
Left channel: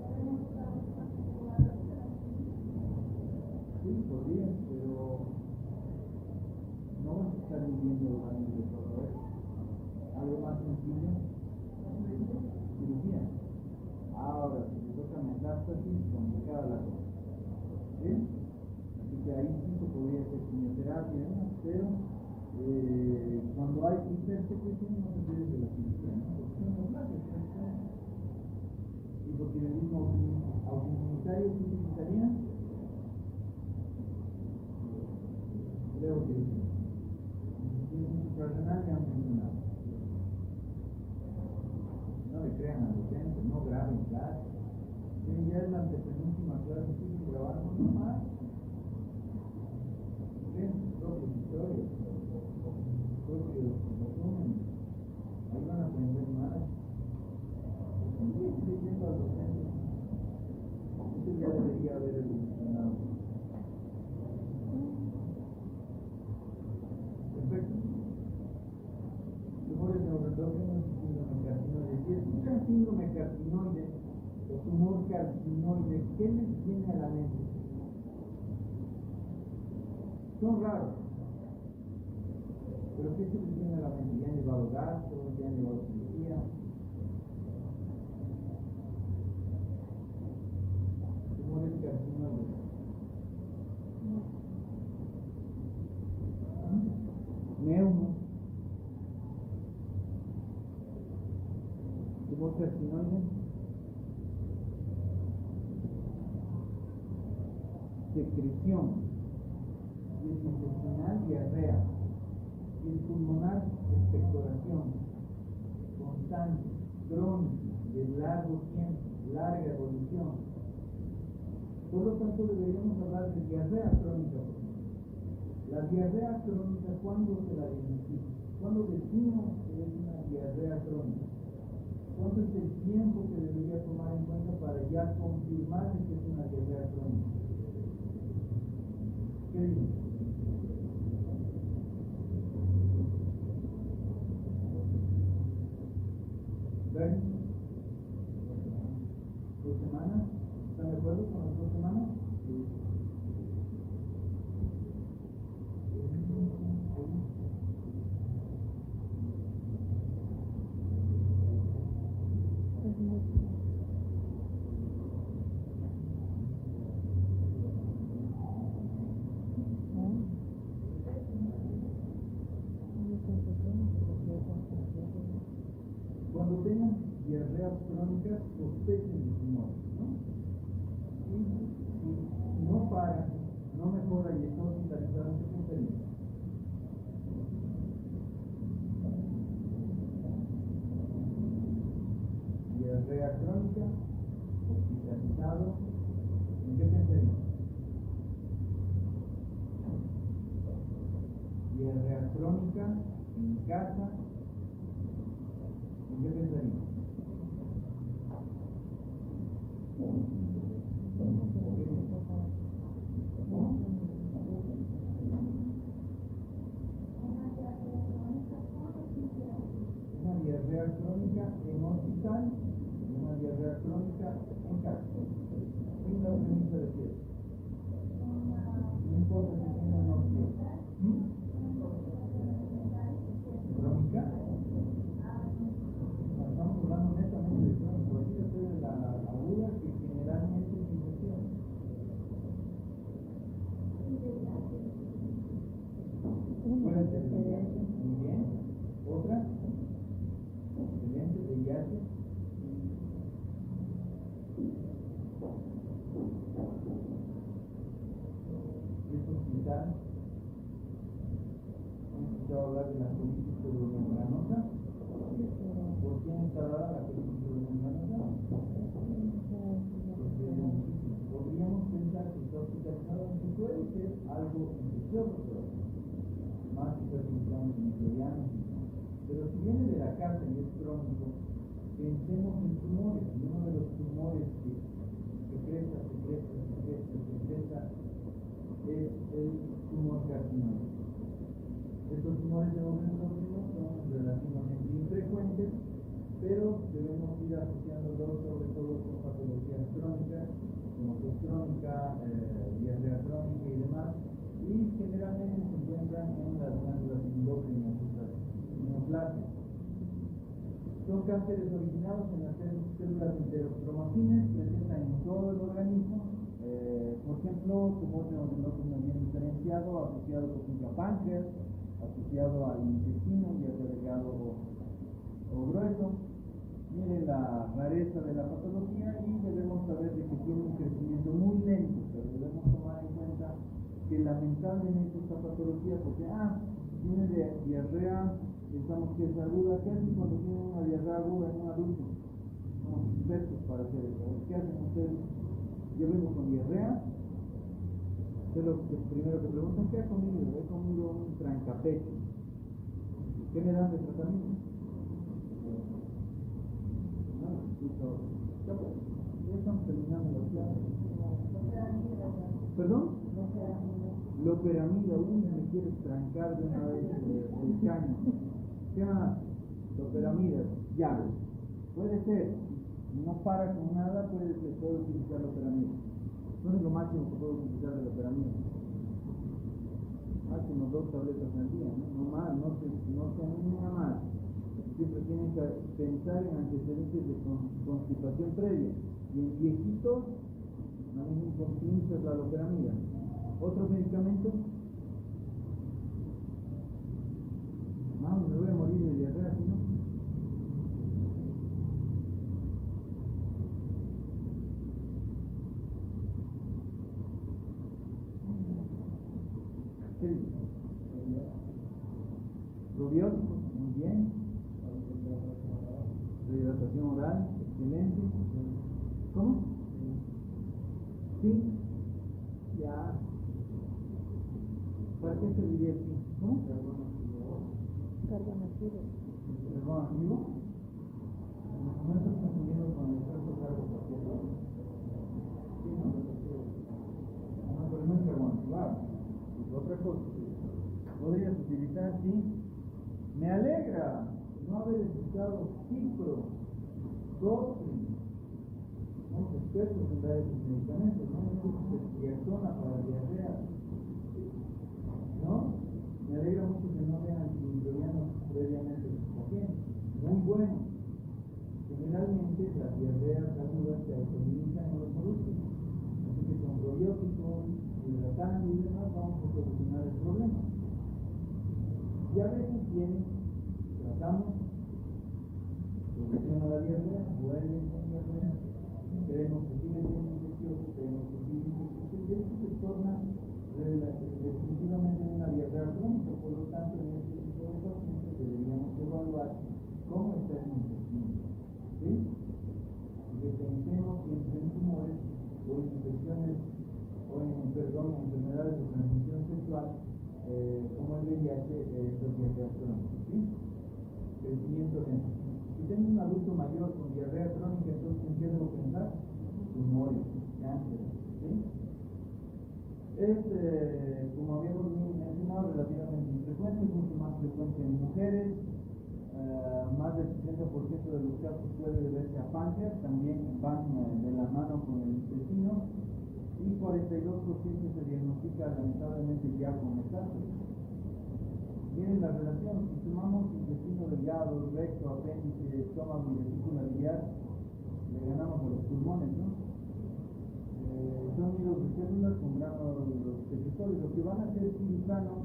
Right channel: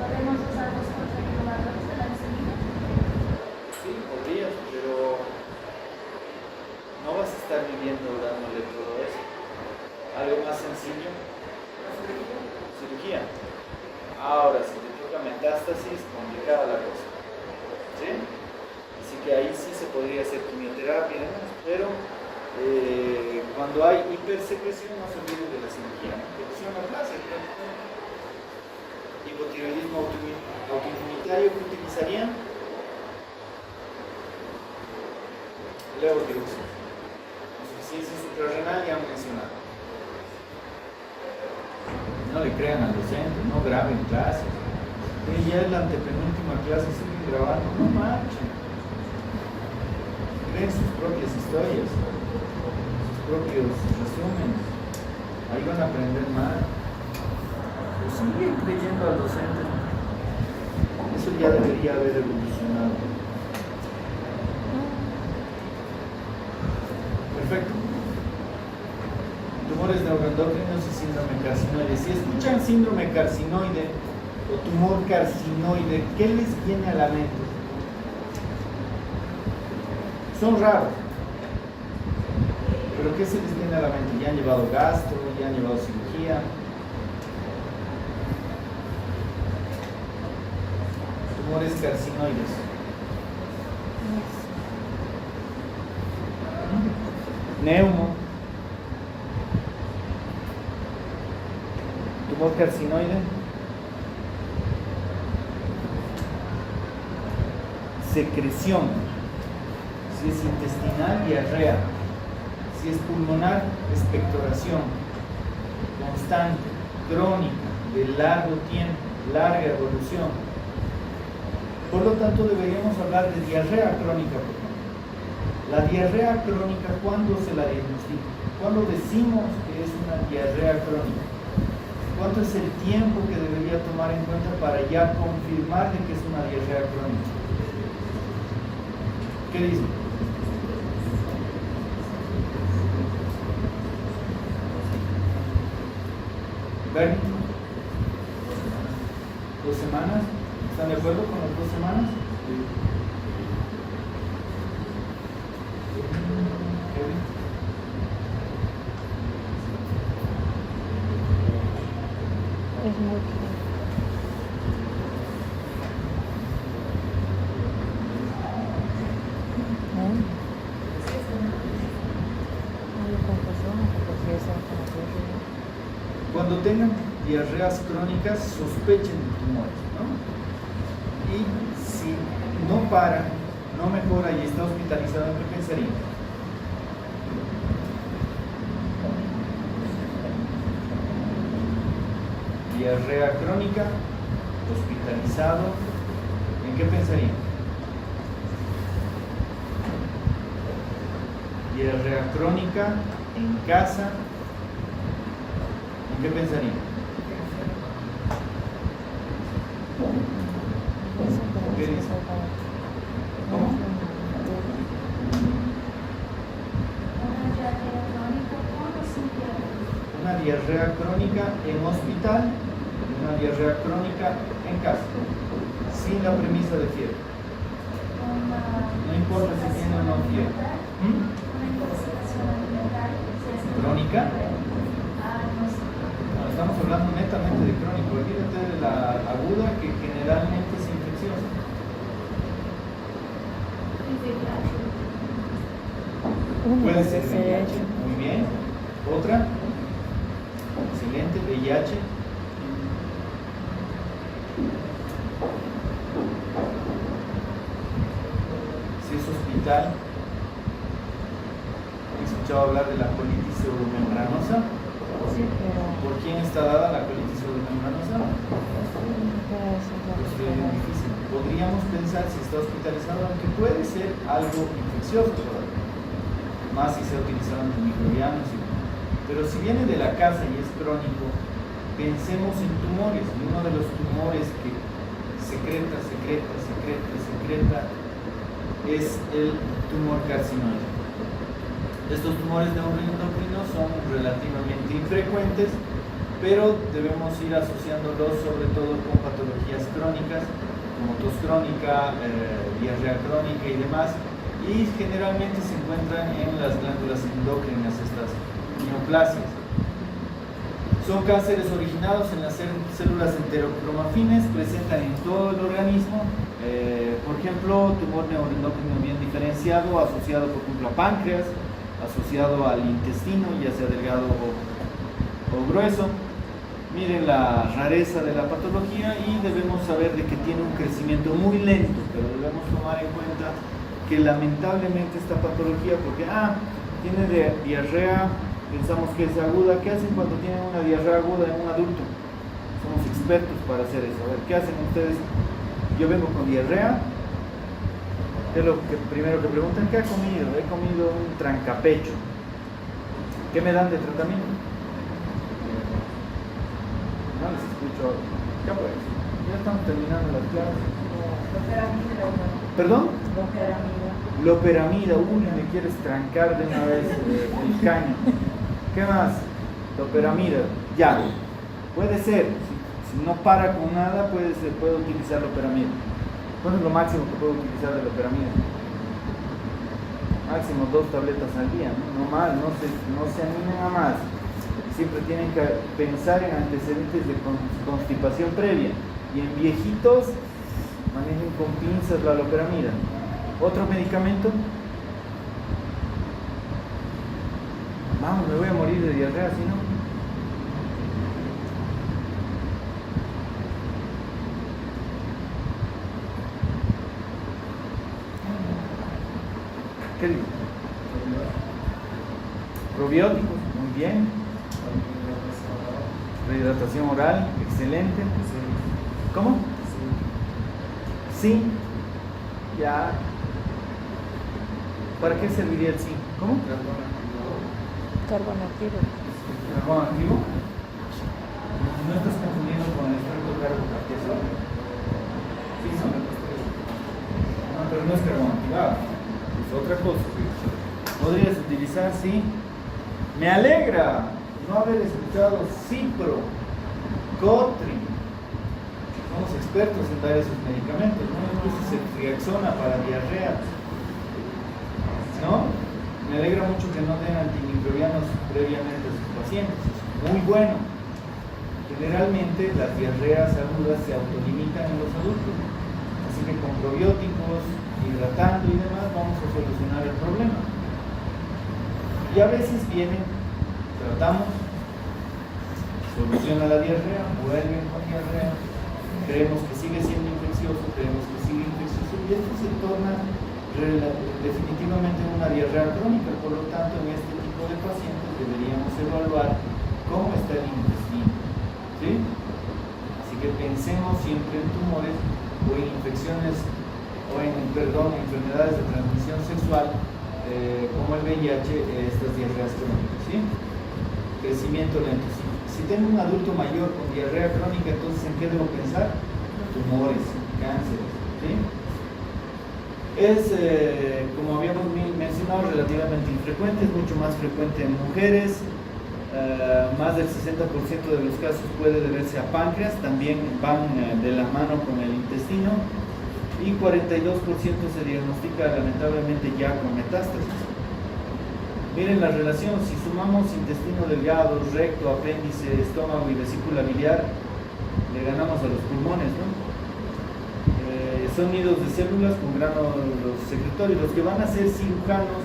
¿Podemos usar los controladores de la insulina? Sí, podrías, pero no vas a estar viviendo dándole todo eso. Algo más sencillo. Cirugía. Ahora, si te toca metástasis, complicada la cosa. ¿Sí? Así que ahí sí se podría hacer quimioterapia y demás, pero cuando hay hipersecreción no se olviden de la cirugía, ¿no? Reducción aplástica. Hipotiroidismo autoinmunitario, ¿qué utilizarían? Levotiroxina. Insuficiencia suprarrenal, ya han mencionado. No le crean al docente, no graben clases. Ya es la antepenúltima clase, siguen grabando, no marchen. Creen sus propias historias, sus propios resúmenes. Ahí van a aprender más. siguen creyendo al docente. Eso ya debería haber evolucionado. Perfecto. Tumores neuroendocrinos y síndrome carcinoide. Si escuchan síndrome carcinoide o tumor carcinoide, ¿qué les viene a la mente? Son raros. ¿Pero qué se les viene a la mente? ¿Ya han llevado gastro? ¿Ya han llevado cirugía? Tumores carcinoides. Neumo. Tumor carcinoide. Secreción. Si es intestinal, diarrea. Si es pulmonar, expectoración. Constante, crónica, de largo tiempo, larga evolución. Por lo tanto, deberíamos hablar de diarrea crónica, por ejemplo. La diarrea crónica, ¿cuándo se la diagnostica? ¿Cuándo decimos que es una diarrea crónica? ¿Cuánto es el tiempo que debería tomar en cuenta para ya confirmar de que es una diarrea crónica? ¿Qué dicen? ¿Bernie? 2 semanas. ¿Están de acuerdo con las 2 semanas? Sí. Kevin. Es mucho. Cuando tengan diarreas crónicas, sospechen de tumores, ¿no? Y si no para, no mejora y está hospitalizado, ¿en qué pensarían? Diarrea crónica, hospitalizado, ¿en qué pensarían? Diarrea crónica, en casa, ¿en qué pensarían? ¿Qué dicen? ¿Cómo? Una diarrea crónica en hospital y una diarrea crónica en casa, sin la premisa de fiebre. No importa si tiene o no fiebre. ¿Crónica? No, estamos hablando netamente de crónico. Olvídate de la aguda, que generalmente es infecciosa. Puede ser VIH, muy bien. Otra, excelente, VIH. Si es hospital, ¿han escuchado hablar de la colitis pseudomembranosa? Sí, pero... ¿Por quién está dada la colitis pseudomembranosa? Pues es bien difícil. Podríamos pensar, si está hospitalizado, que puede ser algo infeccioso todavía, más si se ha utilizado antimicrobianos. Pero si viene de la casa y es crónico, pensemos en tumores. Y uno de los tumores que secreta es el tumor carcinoide. Estos tumores neuroendocrinos son relativamente infrecuentes, pero debemos ir asociándolos sobre todo con patologías crónicas, como tos crónica, diarrea crónica y demás, y generalmente se encuentran en las glándulas endócrinas, estas neoplasias. Son cánceres originados en las células enterocromafines, presentan en todo el organismo, por ejemplo, tumor neuroendocrino bien diferenciado, asociado por ejemplo a páncreas, asociado al intestino, ya sea delgado o grueso. Miren la rareza de la patología y debemos saber de que tiene un crecimiento muy lento, pero debemos tomar en cuenta que lamentablemente esta patología, porque tiene diarrea, pensamos que es aguda. ¿Qué hacen cuando tienen una diarrea aguda en un adulto? Somos expertos para hacer eso. A ver, ¿qué hacen ustedes? Yo vengo con diarrea. ¿Qué es lo que primero que preguntan? ¿Qué ha comido? He comido un trancapecho. ¿Qué me dan de tratamiento? No les escucho. Ya pues, ya estamos terminando las clases. ¿Perdón? Loperamida, uy, me quieres trancar de una vez el caño. ¿Qué más? Loperamida, ya. Puede ser, si no para con nada, puede utilizar loperamida. ¿Cuánto es lo máximo que puedo utilizar de loperamida? Máximo 2 tabletas al día, no más, no se animen a más. Siempre tienen que pensar en antecedentes de constipación previa. Y en viejitos, manejen con pinzas la loperamida. ¿Otro medicamento? Vamos, me voy a morir de diarrea, si no. ¿Qué digo? Probióticos, muy bien. Rehidratación oral, excelente. ¿Cómo? Sí. Ya. ¿Para qué serviría el zinc? ¿Cómo? Carbón activo. ¿Carbón activo? No estás confundiendo con el extracto carbocateso. Sí, no. No, pero no es carbón activado. Es otra cosa. Podrías utilizar, sí. Me alegra no haber escuchado Cipro, Cotri. Somos expertos en dar esos medicamentos, ¿no? Incluso Ceftriaxona para diarrea. ¿No? Me alegra mucho que no den antimicrobianos previamente a sus pacientes. Es muy bueno. Generalmente las diarreas agudas se autolimitan en los adultos. Así que con probióticos, hidratando y demás, vamos a solucionar el problema. Y a veces vienen, tratamos, soluciona la diarrea, vuelven con diarrea, creemos que sigue siendo infeccioso, creemos que sigue infeccioso, y esto se torna definitivamente una diarrea crónica. Por lo tanto, en este tipo de pacientes deberíamos evaluar cómo está el intestino, ¿sí? Así que pensemos siempre en tumores o en infecciones o en, enfermedades de transmisión sexual como el VIH, estas diarreas crónicas, ¿sí? Crecimiento lento. Si tengo un adulto mayor con diarrea crónica, entonces ¿en qué debo pensar? Tumores, cánceres, ¿sí? Es, como habíamos mencionado, relativamente infrecuente, es mucho más frecuente en mujeres. Más del 60% de los casos puede deberse a páncreas, también van de la mano con el intestino, y 42% se diagnostica lamentablemente ya con metástasis. Miren la relación, si sumamos intestino delgado, recto, apéndice, estómago y vesícula biliar, le ganamos a los pulmones, ¿no? Son nidos de células con gránulos secretorios. Los que van a ser cirujanos,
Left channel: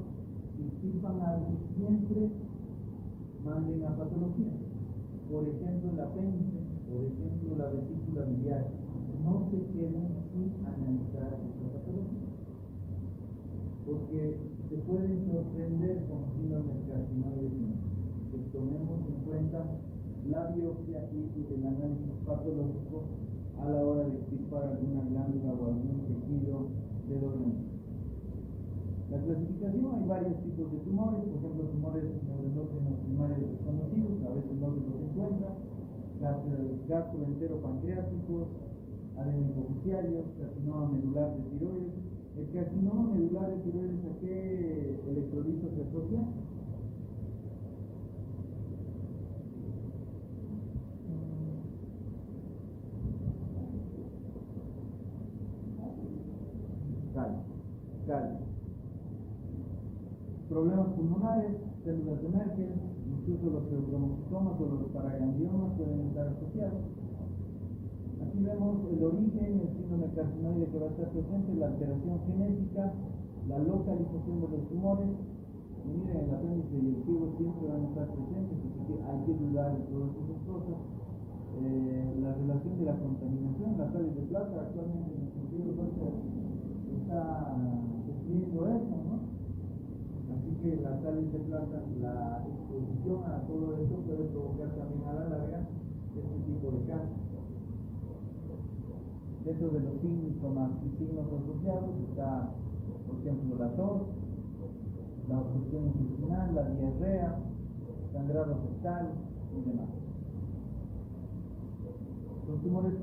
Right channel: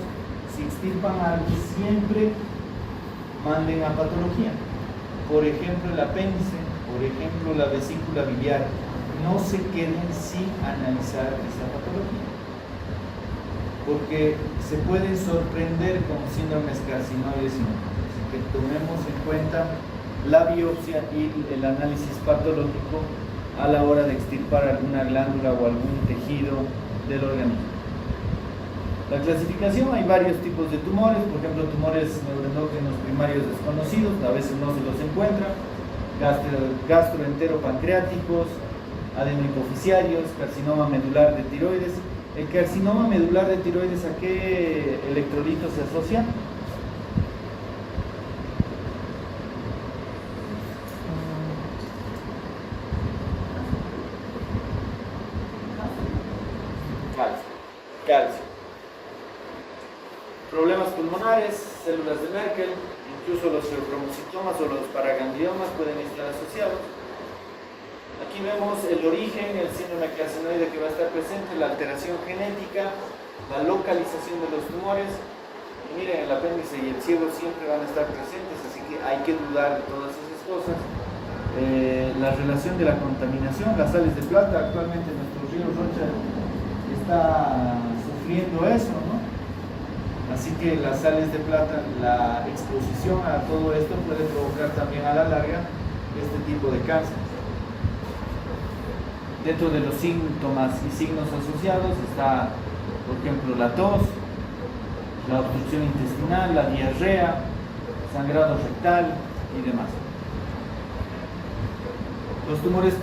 si extirpan algo, siempre manden a patología. Por ejemplo, el apéndice, por ejemplo, la vesícula biliar. No se queden sin analizar esa patología, porque se pueden sorprender con síndromes carcinoides. Así que tomemos en cuenta la biopsia y el análisis patológico a la hora de extirpar alguna glándula o algún tejido del organismo. La clasificación, hay varios tipos de tumores, por ejemplo, tumores neuroendógenos primarios desconocidos, a veces no se los encuentra, gastroenteropancreáticos, adenohipoficiarios, carcinoma medular de tiroides. El carcinoma medular de tiroides, ¿a qué electrolito se asocia? Calcio. Problemas pulmonares, células de Merkel, incluso los feocromocitomas o los paragangliomas pueden estar asociados. Aquí vemos el origen, el síndrome carcinoide que va a estar presente, la alteración genética, la localización de los tumores. Y miren, el apéndice y el ciego siempre van a estar presentes, así que hay que dudar de todas esas cosas. La relación de la contaminación, las sales de plata, actualmente nuestro río Rocha está sufriendo eso, ¿no? Así que las sales de plata, la exposición a todo esto puede provocar también a la larga este tipo de cáncer. Dentro de los síntomas y signos asociados está, por ejemplo, la tos, la obstrucción intestinal, la diarrea, sangrado rectal y demás. Los tumores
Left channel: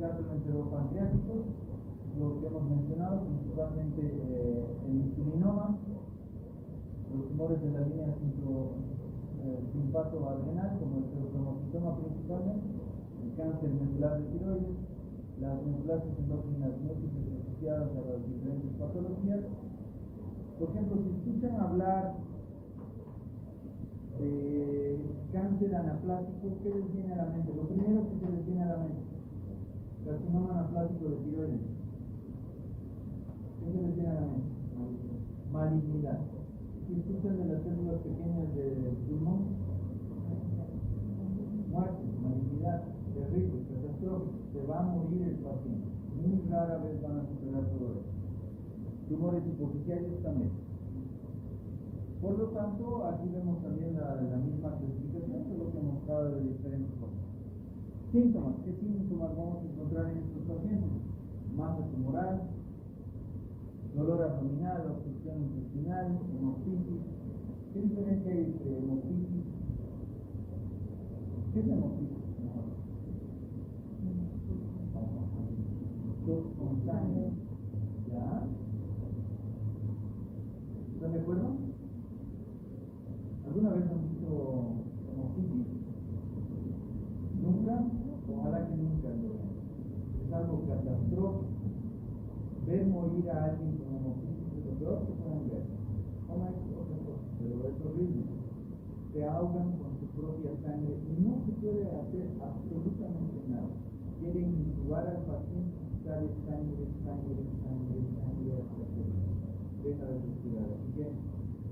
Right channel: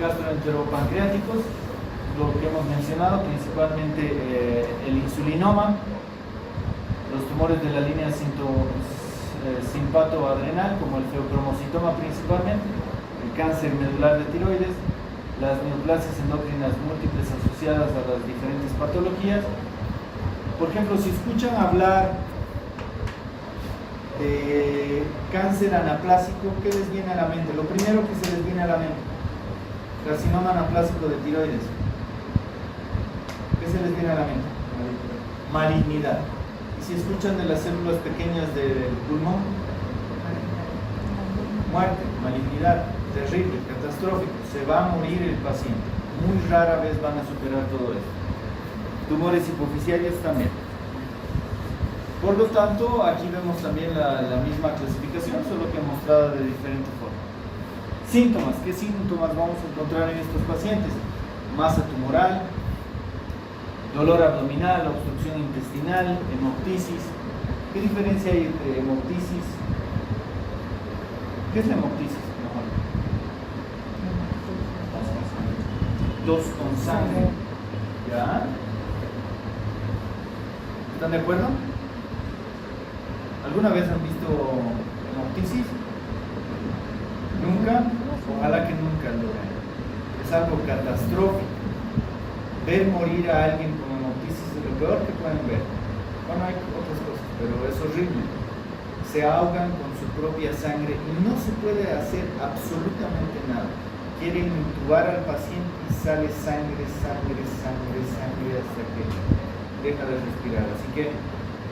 gastroenteropancreáticos, lo que hemos mencionado, principalmente el insulinoma, los tumores de la línea simpatoadrenal, como el feocromocitoma principalmente, el cáncer medular de tiroides, las neoplasias endocrinas múltiples asociadas a las diferentes patologías. Por ejemplo, si escuchan hablar de cáncer anaplásico, ¿qué les viene a la mente? Lo primero que se les viene a la mente, carcinoma anaplásico de tiroides. ¿Qué se les viene a la mente? Malignidad. Y si escuchan de las células pequeñas del pulmón, muerte, malignidad, terrible, catastrófico, se va a morir el paciente. Muy rara vez van a superar todo esto. Tumores hipoficiarios también. Por lo tanto, aquí vemos también la misma clasificación, solo que mostrada de diferente forma. Síntomas. ¿Qué síntomas vamos a encontrar en estos pacientes? Masa tumoral, dolor abdominal, obstrucción intestinal, hemoptisis. ¿Qué diferencia hay entre hemoptisis? ¿Qué es la hemoptisis? Tos con sangre. ¿Ya? ¿Están de acuerdo? ¿Alguna vez han visto hemoptisis? ¿Nunca? Ojalá que nunca lo vean. Es algo catastrófico. Ver morir a alguien con hemoptisis es lo peor que pueden ver. Bueno, hay otras cosas, pero es horrible. Se ahogan con su propia sangre y no se puede hacer absolutamente nada. Quieren intubar al paciente y sale sangre hasta que deja de respirar. Así que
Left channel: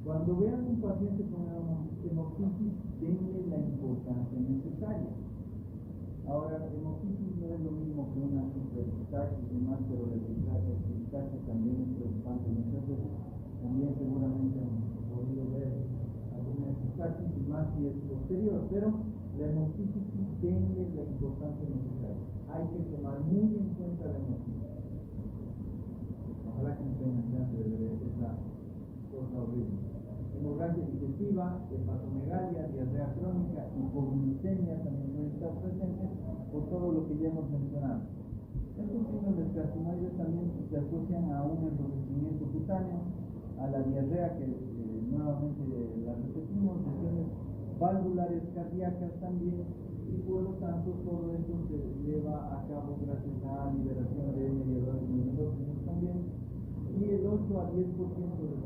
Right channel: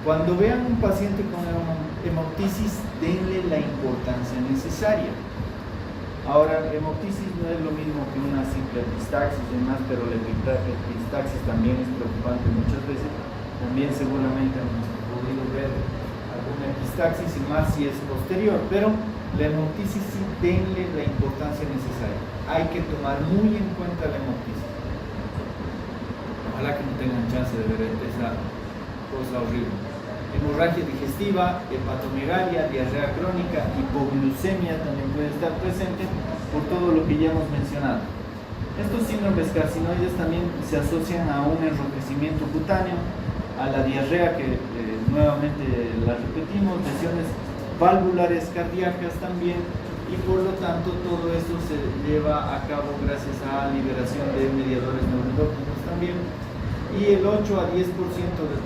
cuando vean un paciente con hemoptisis, denle la importancia necesaria. Ahora, hemoptisis no es lo mismo que una simple epistaxis y demás, pero la epistaxis también es preocupante muchas veces. También seguramente han podido ver alguna epistaxis y más si es posterior, pero la hemoptisis sí denle la importancia necesaria. Hay que tomar muy en cuenta la hemoptisis. Ojalá que no tengan chance de ver esa cosa horrible. Hemorragia digestiva, hepatomegalia, diarrea crónica, hipoglucemia también puede estar presente por todo lo que ya hemos mencionado. Estos síndromes carcinoides también se asocian a un enrojecimiento cutáneo, a la diarrea que nuevamente la repetimos, lesiones valvulares cardíacas también, y por lo tanto todo esto se lleva a cabo gracias a liberación de mediadores neuroendocrinos también. Y el 8 a 10% de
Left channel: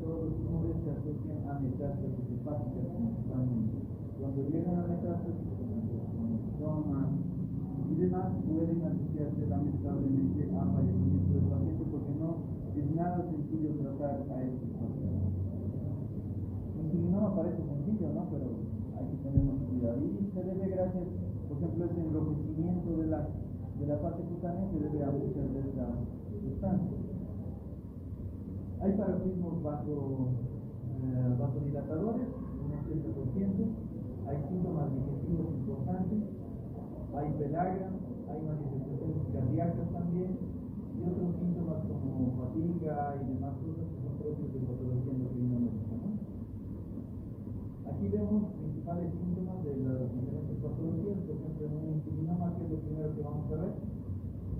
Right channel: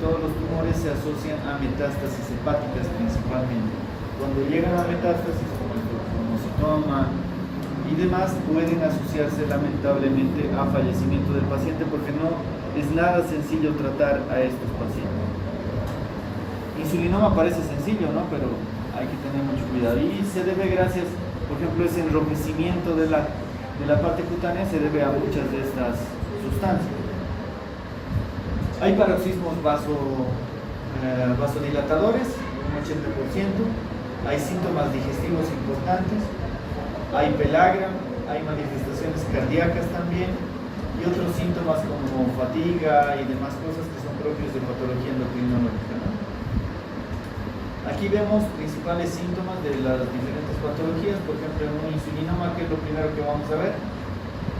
todos los tumores se asocian a metástasis hepáticas principalmente. Cuando llegan a metástasis, como el cromocitoma y demás, pueden asociarse lamentablemente a fallecimiento del paciente porque no es nada sencillo tratar a estos pacientes. Insulinoma parece sencillo, ¿no? Pero hay que tener mucho cuidado. Y se debe gracias, por ejemplo, ese enrojecimiento de la parte cutánea se debe a muchas de estas sustancias. Hay paroxismos vasodilatadores, un 80%, hay síntomas digestivos importantes, hay pelagra, hay manifestaciones cardíacas también, y otros síntomas como fatiga y demás cosas que son propios de patología endocrinológica, ¿no? Aquí vemos principales síntomas de las diferentes patologías, por ejemplo, en un insulinoma, que es lo primero que vamos a ver,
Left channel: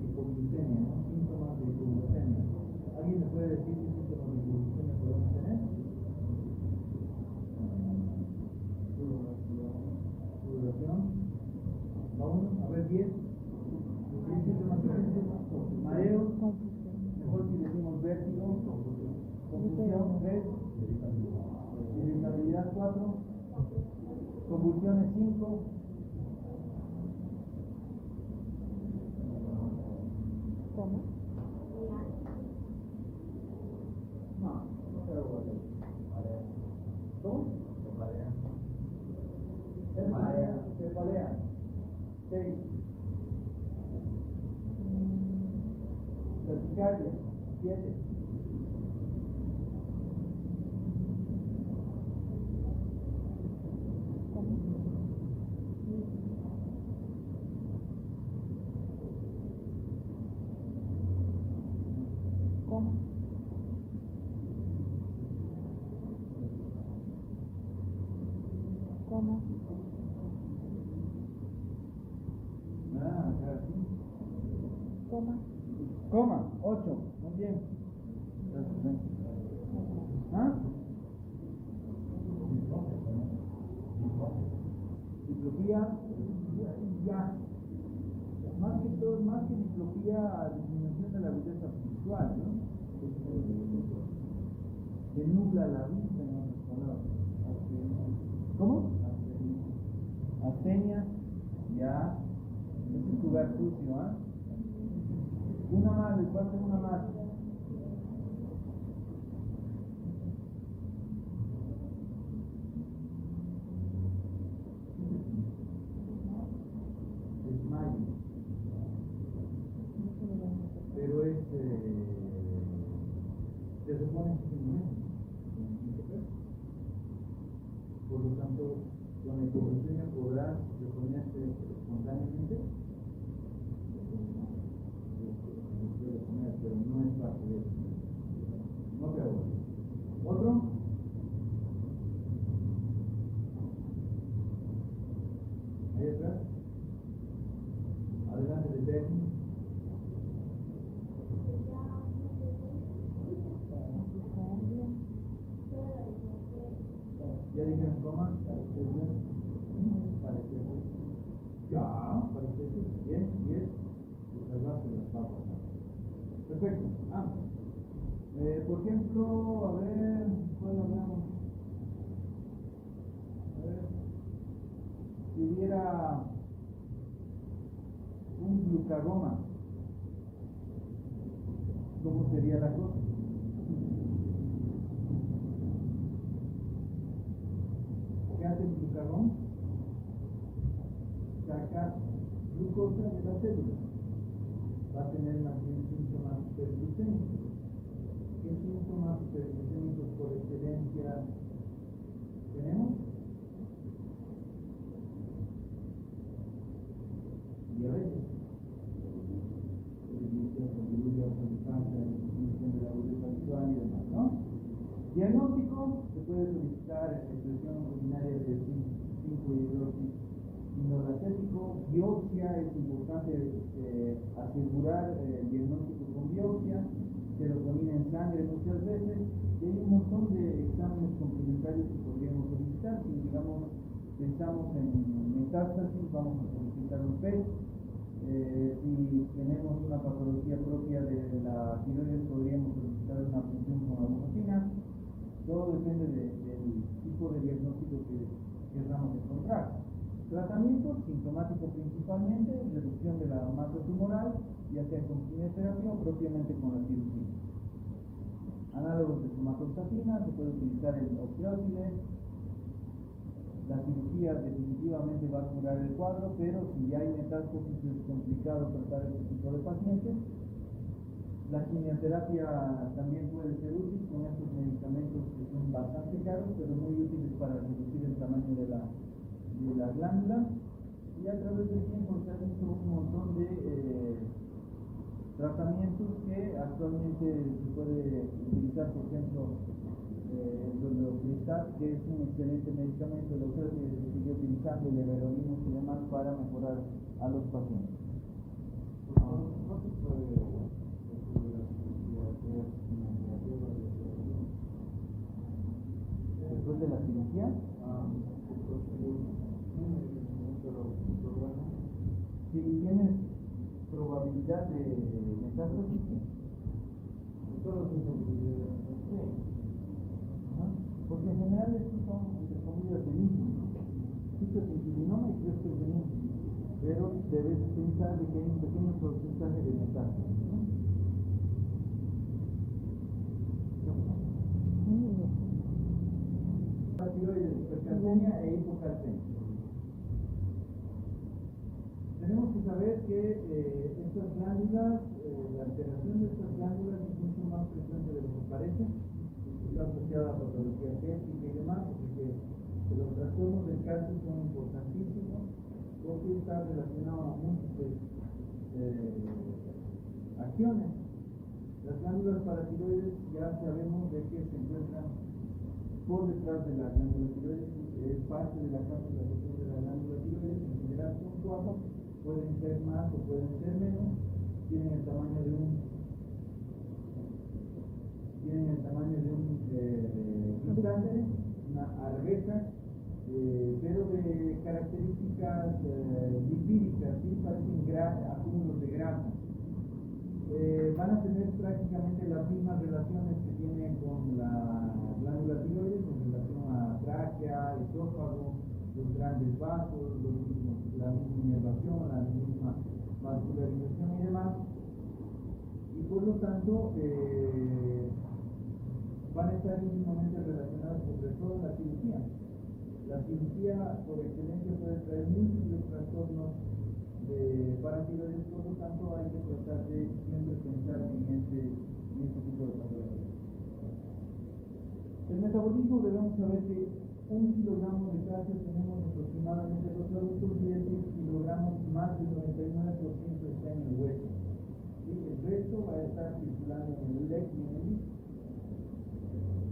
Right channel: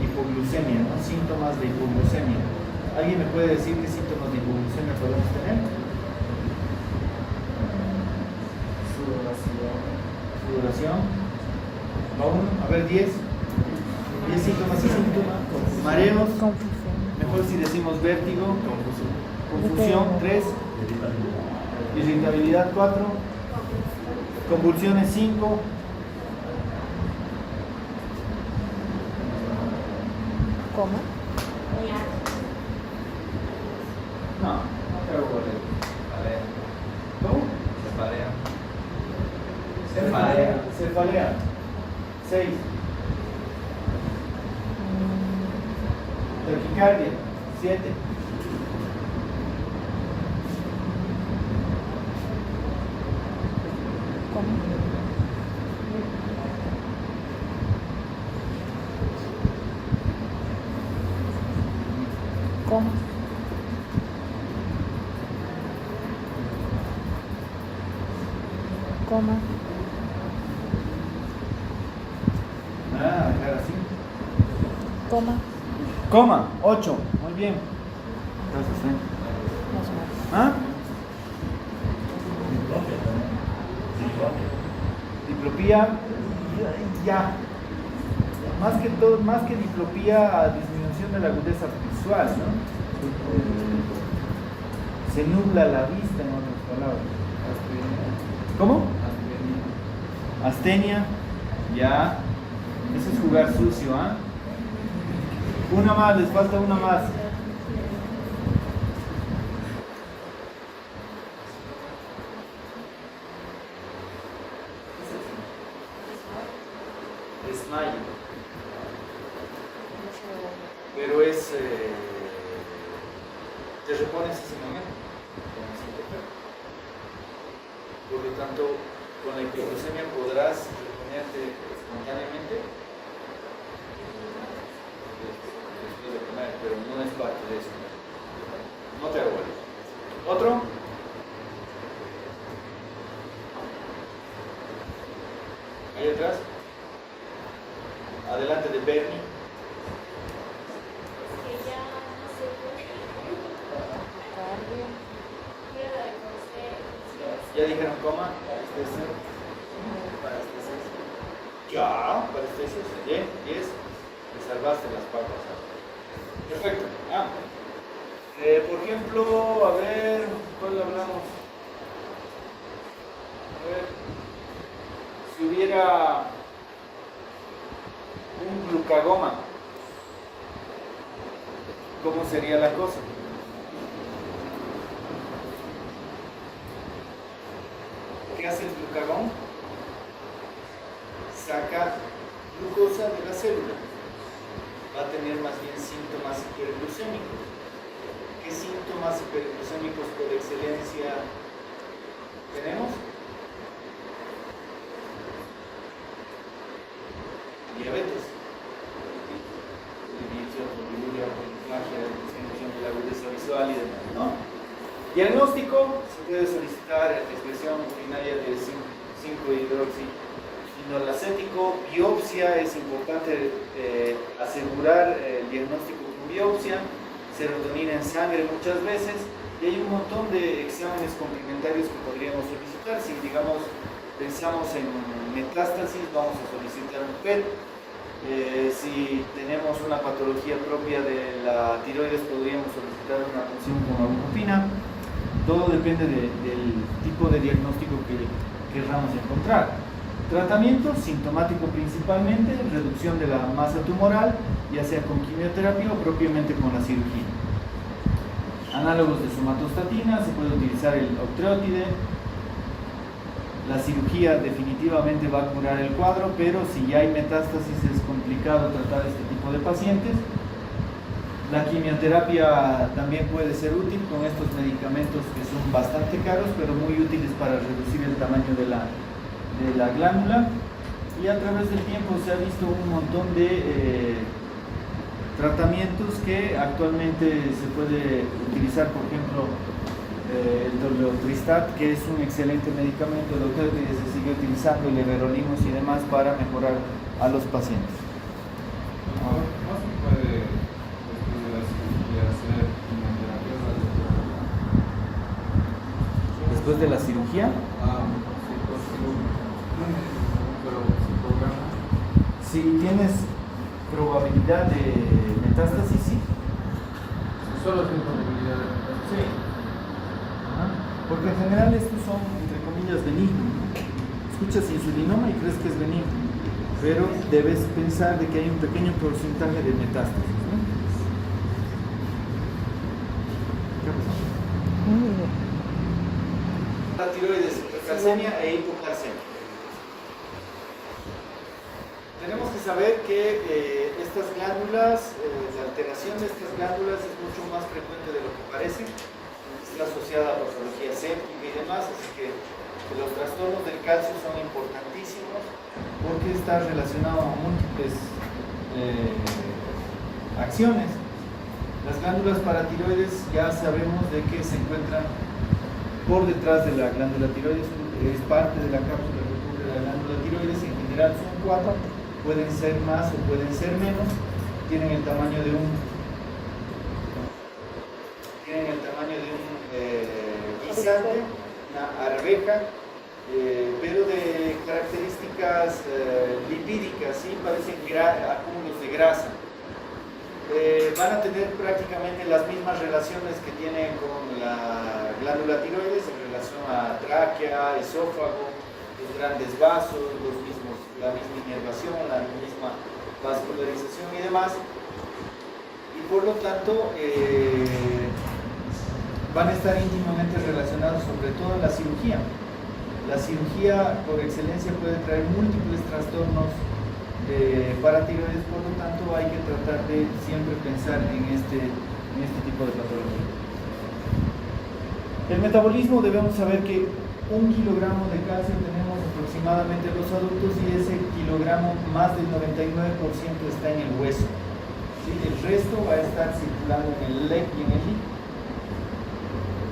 hipoglucemia, ¿no? Síntomas de hipoglucemia. ¿Alguien me puede decir qué síntomas de hipoglucemia podemos tener? Sudoración. ¿Va uno? A ver, 10. 10 síntomas y síntomas. Mareos. Confusión. Mejor si decimos vértigo. Confusión. 3. Irritabilidad. 4. Convulsiones. 5. ¿Cómo? No, no creo que ¿cómo? Cefalea. 6. Taquicardia. 7. ¿Cómo? ¿Cómo? ¿Cómo? Nada, dejar así. Coma, 8. Muy bien. Gracias, ¿Ah? Diplopía, ya. Más que diplopía, disminución de la agudeza visual, ¿no? Se nubla la vista, en otras palabras. ¿Cómo? Astenia, ya. Eso es jugar sucio, ¿ah? Una más, les falta una más. Desmayo. Pero es... te repones ese momento. Por lo tanto, con la hipoglucemia podrás reponerte espontáneamente después de comer, pero no es parte de eso. No te aguardes. ¿Otro? Ahí atrás. Adelante de Bernie. ¿Ya dijeron coma? Ya, parestesias. Bien, 10. Te salvaste las papas. Perfecto. Por ejemplo, a ver, ¿cuál hablamos? A ver, si hubiera un glucagoma, ¿cómo sería la cosa? ¿Qué hace el glucagón? Saca glucosa de la célula. Va a tener más bien síntomas hiperglucémicos. ¿Qué síntomas hiperglucémicos por excelencia tenemos? Diabetes, poliuria, polifagia, disminución de la agudeza visual y demás, ¿no? Diagnóstico, se puede solicitar expresión urinaria de 5-hidroxinolacético. Biopsia, es importante asegurar el diagnóstico con biopsia. Serotonina en sangre muchas veces. Y hay un montón de exámenes complementarios que podríamos solicitar. Si, digamos, pensamos en metástasis, vamos a solicitar un PET. Si tenemos una patología propia de la tiroides, podríamos solicitar una punción con agujopina. Todo depende del tipo de diagnóstico que querramos encontrar. Tratamiento sintomático principalmente, reducción de la masa tumoral, ya sea con quimioterapia o propiamente con la cirugía. Análogos de somatostatina, se puede utilizar el octreotide. La cirugía definitivamente va a curar el cuadro, pero si ya hay metástasis es complicado tratar este tipo de pacientes. La quimioterapia también puede ser útil con estos medicamentos que son bastante caros, pero muy útiles para reducir el tamaño de la glándula. Y a través del tiempo se ha visto un montón de tratamientos que actualmente se puede utilizar, por ejemplo, el Dolotristat, que es un excelente medicamento, el octreotide se sigue utilizando, el everolimus y demás para mejorar a los pacientes. ¿No se puede, después de la cirugía, hacer quimioterapia radiológica? Después de la cirugía, Sí, pues, pero sin programa. si tienes probabilidad de metástasis, sí. Solo sin probabilidad de metástasis. Sí. Porque en general estos son, entre comillas, benignos. Escuchas insulinoma y crees que es benigno, pero debes pensar de que hay un pequeño porcentaje de metástasis, ¿no? ¿Qué pasó? La tiroides, hipercalcemia e hipocalcemia. Tenemos que saber que estas glándulas, la alteración de estas glándulas es mucho más frecuente de lo que parece. Está asociada a patología séptica y demás, así que los trastornos del calcio son importantísimos porque está relacionado a múltiples acciones. Las glándulas paratiroides ya sabemos de que se encuentran por detrás de la glándula tiroides, es parte de la cápsula que cubre la glándula tiroides, en general son 4, pueden ser más o pueden ser menos, tienen el tamaño de un guisante, una arveja, pero de características lipídicas, ¿sí? Parecen acúmulos de grasa. Van a tener prácticamente las mismas relaciones que tienen con la glándula tiroides en relación a tráquea, esófago, los grandes vasos, la misma inervación, la misma vascularización y demás. Y por lo tanto van a estar íntimamente relacionados, sobre todo en la cirugía. La cirugía por excelencia puede traer múltiples trastornos de paratiroides, por lo tanto hay que tratar de siempre pensar en este tipo de patología. El metabolismo, debemos saber que 1 kilogramo de calcio tenemos aproximadamente los adultos y ese kilogramo, más del 99% está en el hueso, ¿sí? El resto va a estar circulando en el LEC y en el líquido.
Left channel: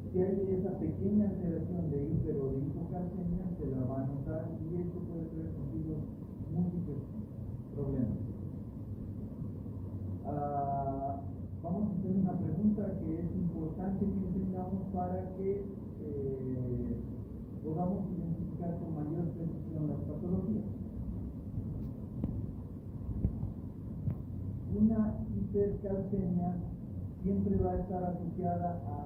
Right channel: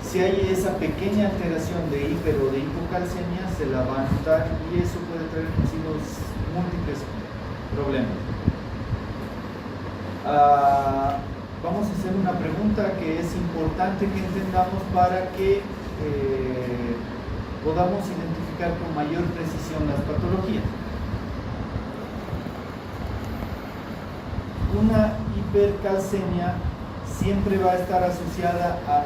Si hay esa pequeña alteración de hiper o de hipocalcemia, se la va a notar y eso puede traer consigo múltiples problemas. Vamos a hacer una pregunta que es importante que entendamos para que podamos identificar con mayor precisión las patologías. Una hipercalcemia siempre va a estar asociada a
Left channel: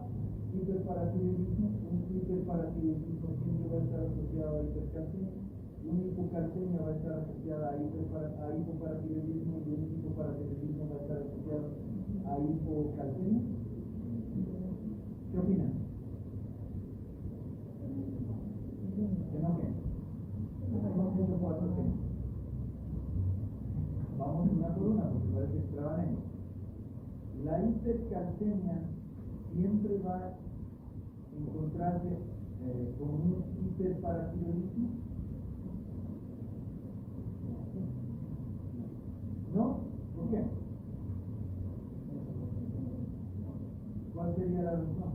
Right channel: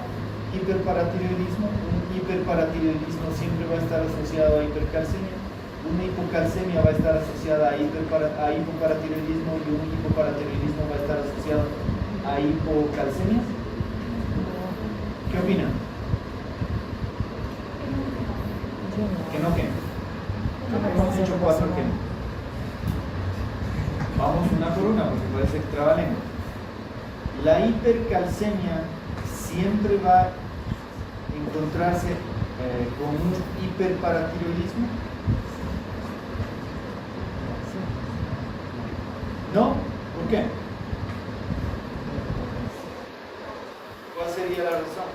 hiperparatiroidismo, un hiperparatiroidismo siempre va a estar asociado a hipercalcemia, una hipocalcemia va a estar asociada a hipoparatiroidismo y un hipoparatiroidismo va a estar asociado a hipocalcemia. ¿Qué opinan? ¿Que no qué? Hemos hecho 4 que no. Vamos una por una porque parece que trabalengua. La hipercalcemia siempre va a encontrarse con un hiperparatiroidismo. ¿No? ¿Por qué? ¿Cuál sería la razón?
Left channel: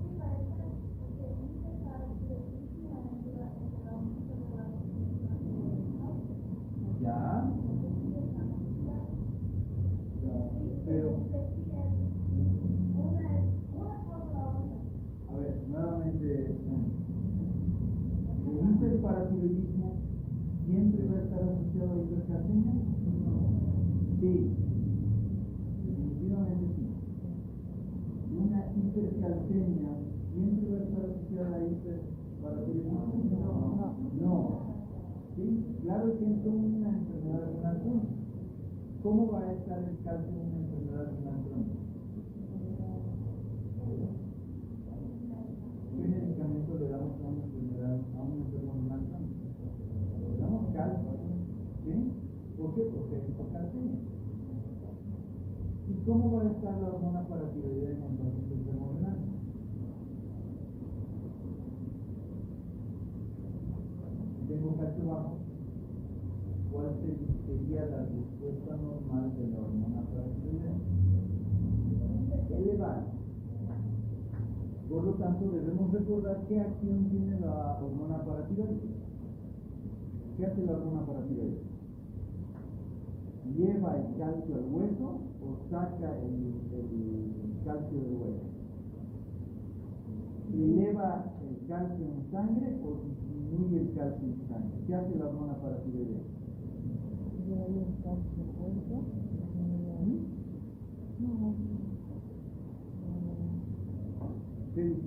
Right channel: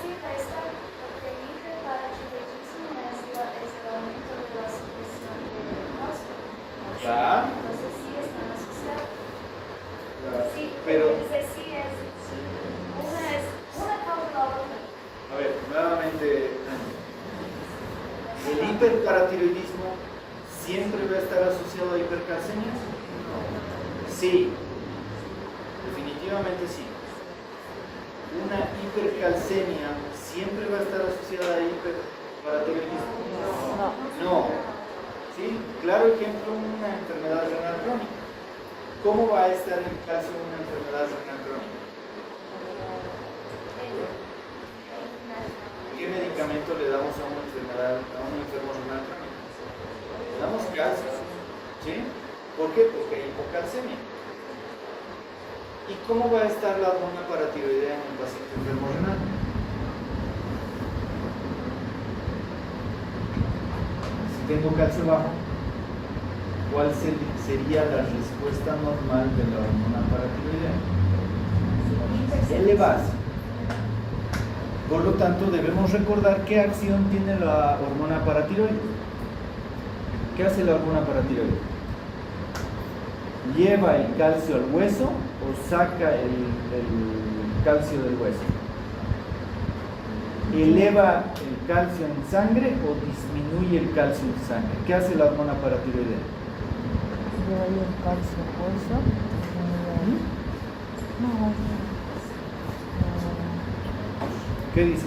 Sí, va a estar, porque el hiperparatiroidismo es el aumento de la secreción de músculo. Ya. Entonces sí están asociados. Sí, Pero, entonces sí es una causa la otra. a ver, nuevamente, ¿el hiperparatiroidismo siempre va a estar asociado a hipercalcemia? Sí, definitivamente sí. Una hipercalcemia siempre va a estar asociada a hiperparatiroidismo. No. ¿Sí? Claro ejemplo, una enfermedad renal crónica. ¿Cómo va a estar el calcio en una enfermedad renal crónica? ¿Qué medicamento le damos a un enfermo renal crónico? Le damos calcio, ¿sí? ¿Por qué? Porque hay hipocalcemia. ¿Y cómo va a estar la hormona paratiroidea en un paciente enfermo renal? Si tengo calcio bajo, ¿cuál sería la respuesta normal de la hormona paratiroidea? Elevarse. Por lo tanto, debemos recordar qué acción tiene la hormona paratiroide. ¿Qué hace la hormona paratiroide? ¿Lleva el calcio al hueso o saca el calcio del hueso? ¿Eleva el calcio en sangre o disminuye el calcio en sangre? ¿Qué hace la hormona paratiroidea? Lleva ahí el calcio al hueso. No, ¿Qué dice?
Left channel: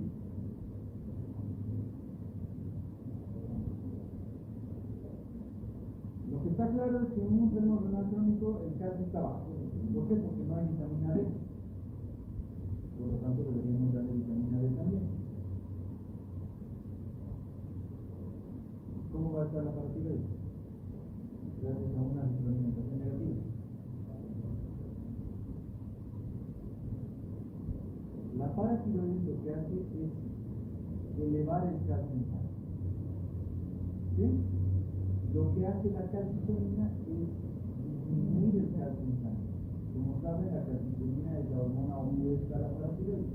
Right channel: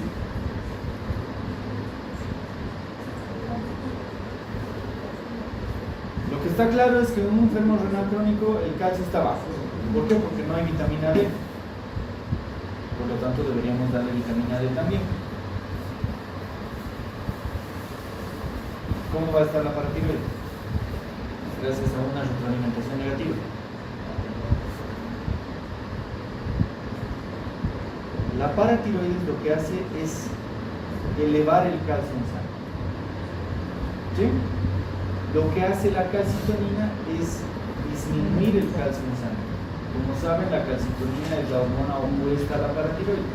Lo que está claro es que en un enfermo renal crónico el calcio está bajo. ¿Por qué? Porque no hay vitamina D. Por lo tanto deberíamos darle vitamina D también. ¿Cómo va a estar la paratiroide? Gracias a una retroalimentación negativa. La paratiroides lo que hace es elevar el calcio en sangre. ¿Sí? Lo que hace la calcitonina es disminuir el calcio en sangre. Como saben, la calcitonina es la hormona opuesta a la paratiroide.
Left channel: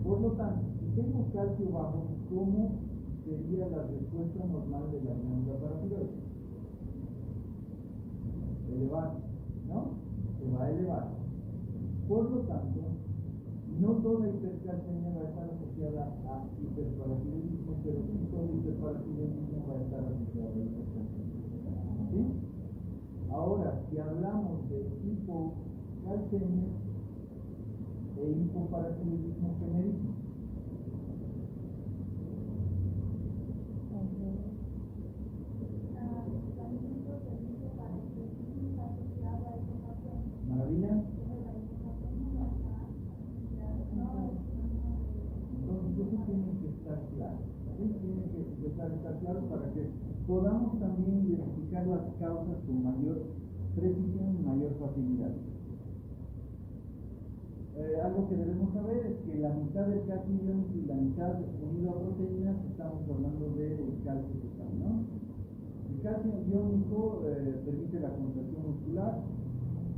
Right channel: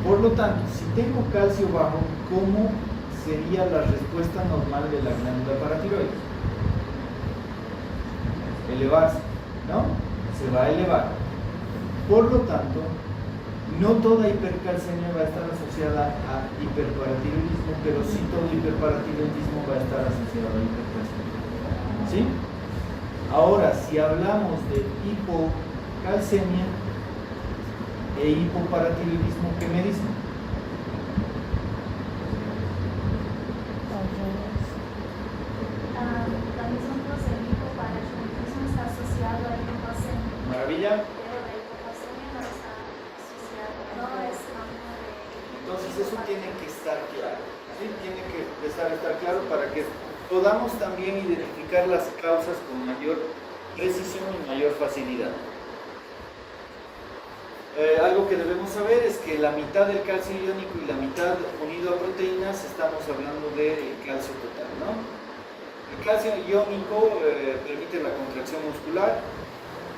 Por lo tanto, si tengo calcio bajo, ¿cómo sería la respuesta normal de la glándula paratiroide? elevarse, ¿no? Se va a elevar. Por lo tanto, no toda hipercalcemia va a estar asociada a hiperparatiroidismo, pero sí todo hiperparatiroidismo va a estar asociado a hipercalcemia. ¿Sí? Ahora, si hablamos de hipocalcemia e hipoparatiroidismo, ¿qué me dicen? La misma cosa, el hipoparatiroidismo está asociado a hipocalcemia, Maravilla. pero la hipocalcemia no está asociada, no es campo de... Entonces eso tiene que estar claro, ¿sí? Tiene que empezar a estar claro para que podamos también identificar las causas con mayor precisión y mayor facilidad. Algo que debemos saber es que la mitad del calcio iónico y la mitad unido a proteínas, estamos hablando del calcio total, ¿no? El calcio iónico permite la contracción muscular,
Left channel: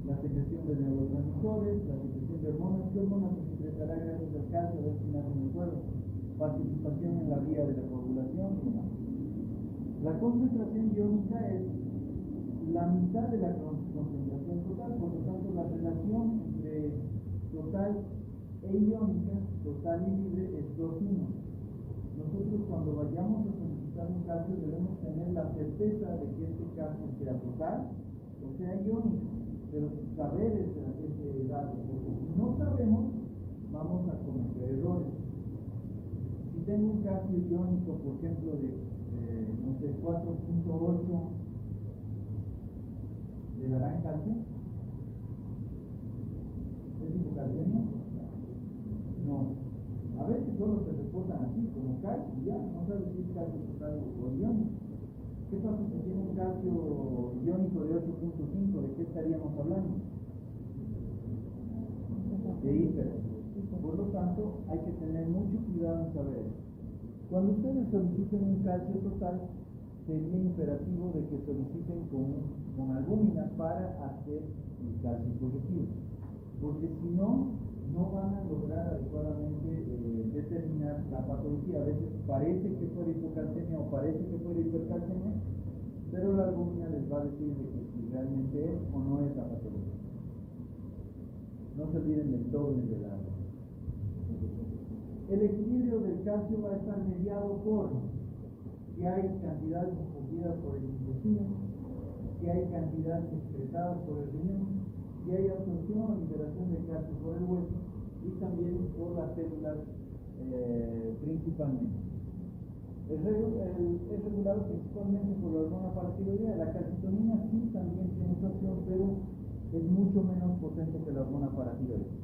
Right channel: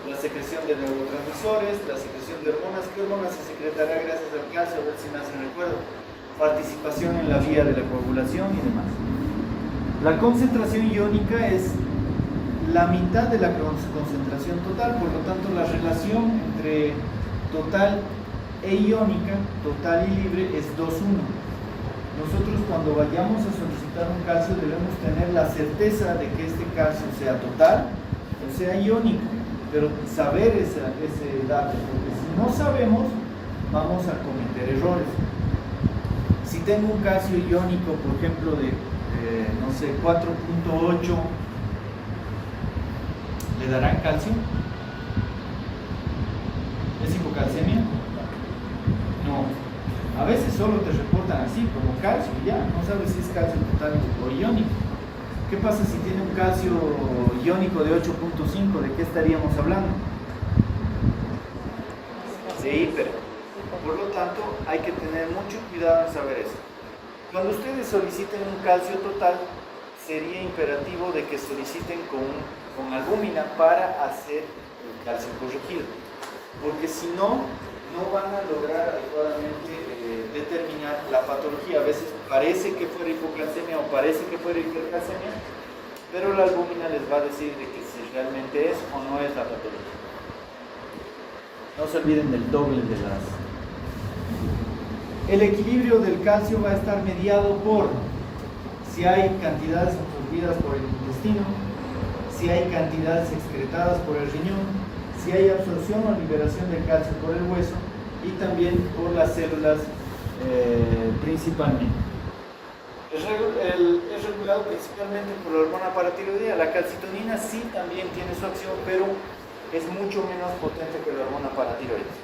la secreción de neurotransmisores, la secreción de hormonas. ¿Qué hormonas se secretará gracias al calcio? A ver si me hacen recuerdo. Participación en la vía de la coagulación y demás. La concentración iónica es la mitad de la concentración total, por lo tanto la relación entre total e iónica, total y libre, es 2:1. Nosotros cuando vayamos a solicitar un calcio debemos tener la certeza de que este calcio sea total o sea iónico, pero saber ese dato, porque si no sabemos vamos a cometer errores. Si tengo un calcio iónico, por ejemplo, de no sé, 4.8, ¿le darán calcio? ¿Es hipocalcemia? No. A veces solo te reportan así, como calcio, y ya, no sabes si es calcio total o iónico. ¿Qué pasa si tiene un calcio iónico de 8.5? ¿De qué estaríamos hablando? De hiper. Por lo tanto, hay que tener mucho cuidado en saber eso. Cuando ustedes soliciten un calcio total, sería imperativo de que soliciten con albúmina para hacer el calcio corregido. Porque si no, no van a lograr adecuadamente determinar la patología. A veces parece que fuera hipocalcemia o parece que fuera hipercalcemia, pero la albúmina les va a decir de que si realmente es o no es la patología. No se olviden del doble de las... El equilibrio del calcio va a estar mediado por si hay cantidades absorbidas por el intestino, si hay cantidades excretadas por el riñón, si hay absorción o liberación de calcio por el hueso y también por las células principalmente. Es regulado principalmente por la hormona paratiroidea. La calcitonina sí también tiene su acción, pero es mucho menos potente que la hormona paratiroidea.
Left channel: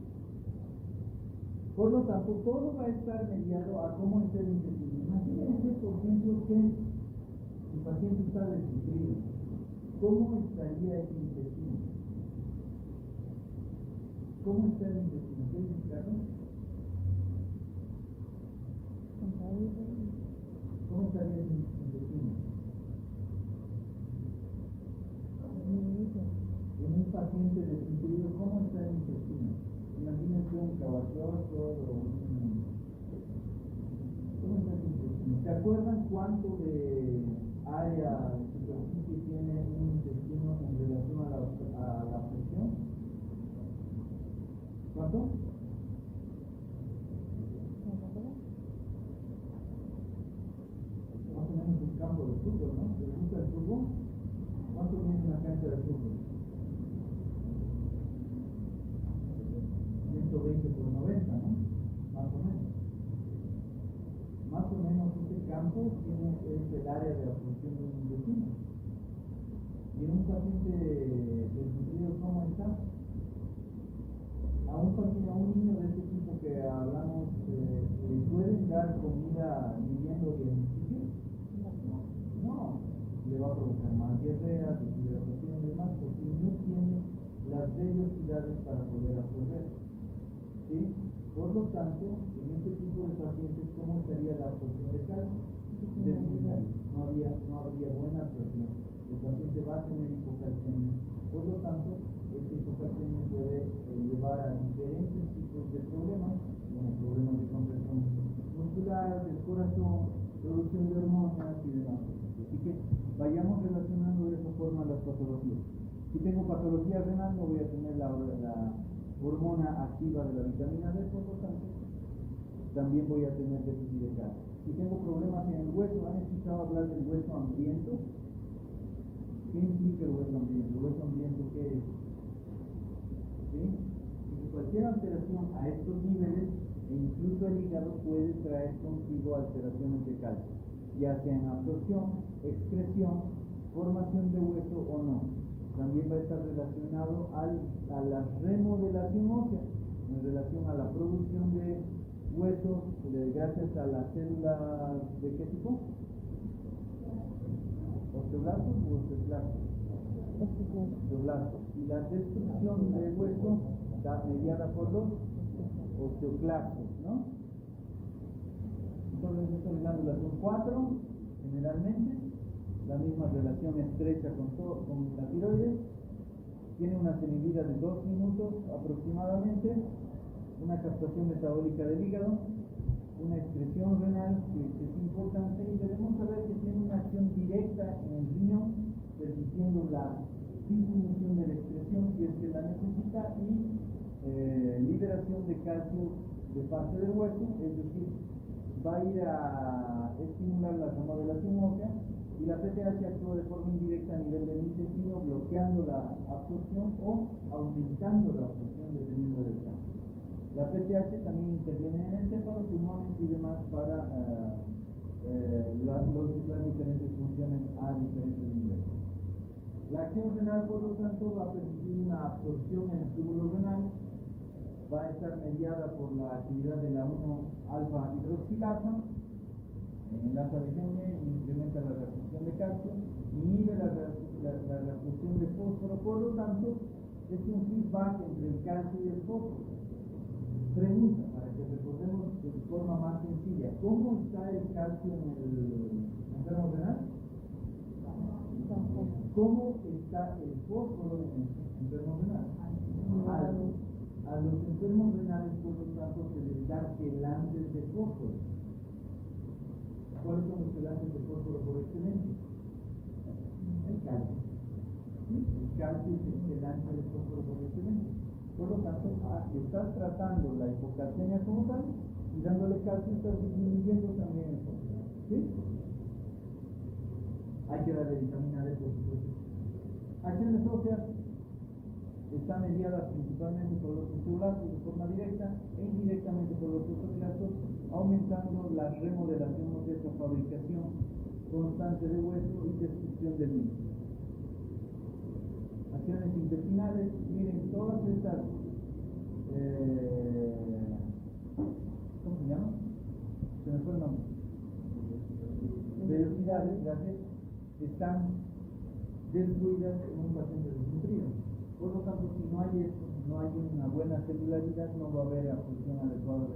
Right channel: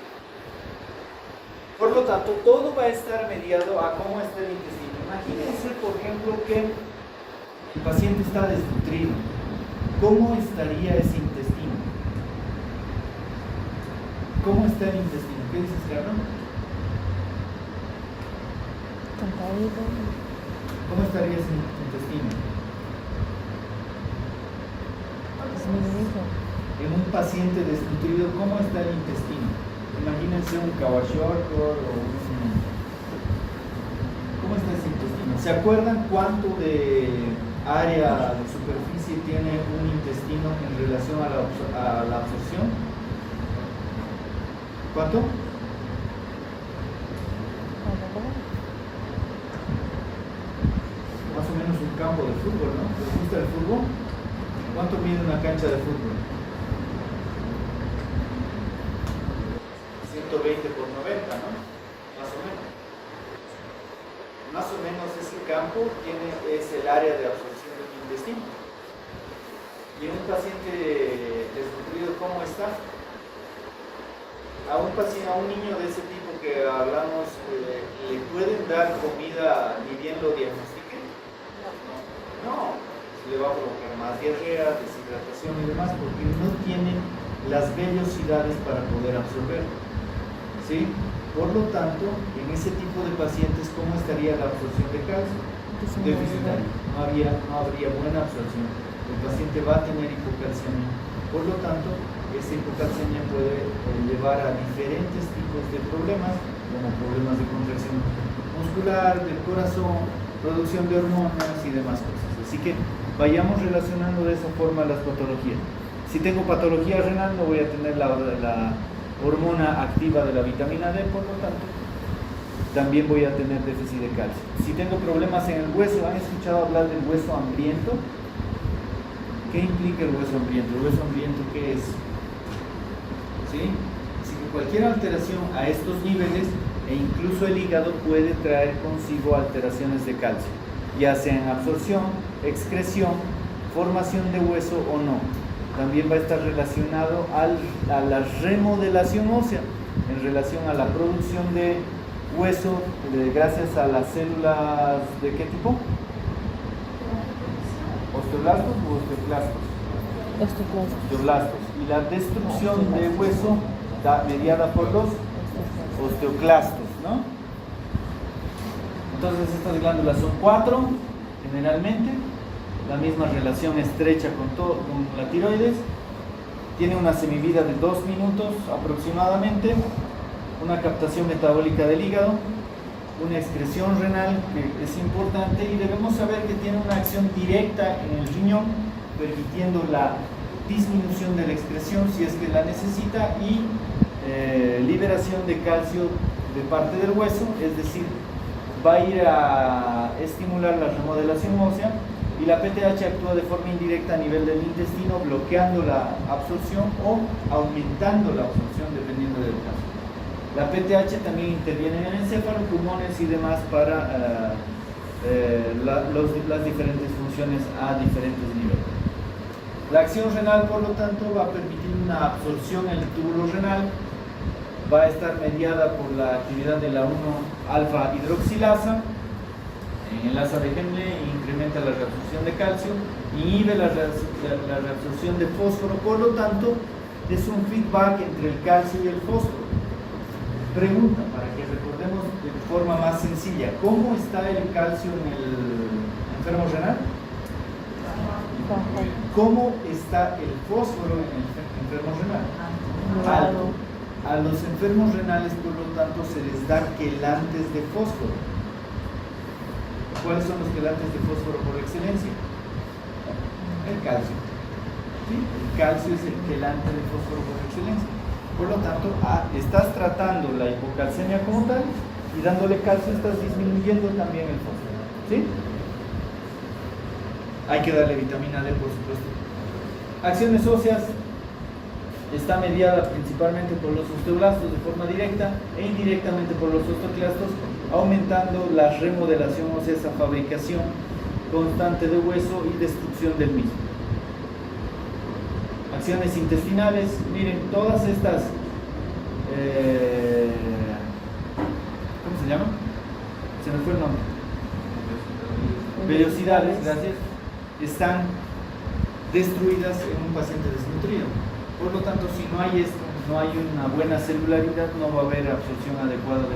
Por lo tanto, todo va a estar mediado a cómo está el intestino. Imagínense, por ejemplo, que el paciente está desnutrido. ¿Cómo estaría ese intestino? ¿Cómo está el intestino? ¿Qué dices, Carlos? Contraído. ¿Cómo estaría ese intestino? Disminuido. En un paciente desnutrido, ¿cómo está el intestino? Imagínense un kwashiorkor o un... ¿Cómo está ese intestino? ¿Se acuerdan cuánto de área de superficie tiene un intestino en relación a la absorción? ¿Cuánto? Más o menos un campo de fútbol, ¿no? ¿Les gusta el fútbol? ¿Cuánto mide una cancha de fútbol? 120 por 90, ¿no? Más o menos. Más o menos ese campo es el área de absorción del intestino. Y en un paciente desnutrido, ¿cómo está? A un niño de ese tipo que hablamos, ¿le pueden dar comida ni bien lo diagnostiquen? No, le va a provocar más diarrea, deshidratación y demás, porque no tienen las vellosidades para poder absorber. ¿Sí? Por lo tanto, en ese tipo de pacientes, ¿cómo estaría la absorción de calcio? Deficitaria. No habría buena absorción. El paciente va a tener hipocalcemia. Por lo tanto, esa hipocalcemia puede llevar a diferentes tipos de problemas, como problemas de contracción muscular, del corazón, producción de hormonas y demás cosas. Así que vayamos relacionando de esa forma las patologías. Si tengo patología renal, no voy a tener la hormona activa de la vitamina D, por lo tanto, también voy a tener déficit de calcio. Si tengo problemas en el hueso, ¿han escuchado hablar del hueso hambriento? ¿Qué implica el hueso hambriento? ¿El hueso hambriento qué es? ¿Sí? Así que cualquier alteración a estos niveles, e incluso el hígado, puede traer consigo alteraciones de calcio, ya sea en absorción, excreción, formación de hueso o no. También va a estar relacionado a la remodelación ósea, en relación a la producción de hueso, gracias a las células ¿de qué tipo? ¿Osteoblastos o osteoclastos? Osteoblastos. Y la destrucción de hueso mediada por los osteoclastos, ¿no? Entonces estas glándulas son 4 generalmente, la misma relación estrecha con la tiroides, tiene una semivida de 2 minutos aproximadamente, una captación metabólica del hígado, una excreción renal que es importante, y debemos saber que tiene una acción directa en el riñón, permitiendo la disminución de la excreción si es que la necesita, y liberación de calcio de parte del hueso, es decir, va a ir a estimular la remodelación ósea, y la PTH actúa de forma indirecta a nivel del intestino, bloqueando la absorción o aumentando la absorción dependiendo del caso. La PTH también interviene en el encéfalo, pulmones y demás para las diferentes funciones a diferentes niveles. La acción renal, por lo tanto, va a permitir una absorción en el túbulo renal, va a estar mediada por la actividad de la 1-alfa hidroxilasa, enlaza de Henle, incrementa la reabsorción de calcio, inhibe la reabsorción de fósforo, por lo tanto, es un feedback entre el calcio y el fósforo. Pregunta, para que recordemos de forma más sencilla, ¿cómo está el calcio en el enfermo renal? ¿Cómo está el fósforo en el enfermo renal? Alto. A los enfermos renales, por lo tanto, se les da quelantes de fósforo. ¿Cuáles son los quelantes de fósforo por excelencia? El calcio. ¿Sí? El calcio es el quelante de fósforo por excelencia. Por lo tanto, estás tratando la hipocalcemia como tal, y dándole calcio estás disminuyendo también el fósforo. ¿Sí? Hay que darle vitamina D, por supuesto. Acciones óseas. Está mediada principalmente por los osteoblastos de forma directa e indirectamente por los osteoclastos, aumentando la remodelación ósea, esa fabricación constante de hueso y destrucción del mismo. Acciones intestinales, miren, todas estas, ¿cómo se llama? Se me fue el nombre. Vellosidades, gracias, están destruidas en un paciente desnutrido. Por lo tanto, si no hay esto, no hay una buena celularidad, no va a haber absorción adecuada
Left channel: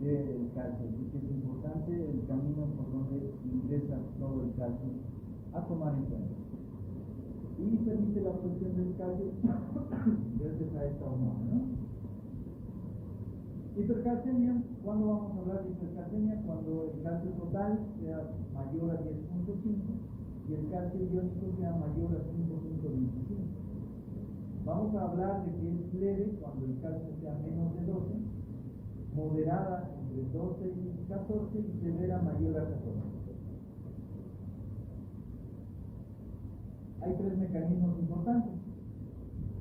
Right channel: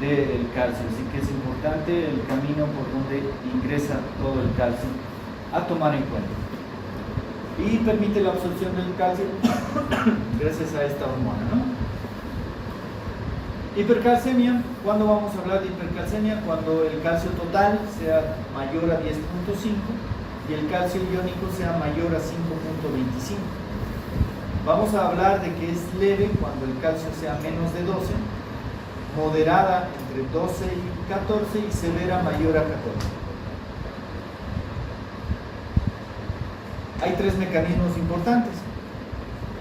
del calcio. Así que es importante el camino por donde ingresa todo el calcio a tomar en cuenta. Y permite la absorción del calcio gracias a esta hormona, ¿no? Hipercalcemia. ¿Cuándo vamos a hablar de hipercalcemia? Cuando el calcio total sea mayor a 10.5 y el calcio iónico sea mayor a 5.25. Vamos a hablar de que es leve cuando el calcio sea menos de 12, moderada entre 12 y 14 y severa mayor a 14. Hay 3 mecanismos importantes:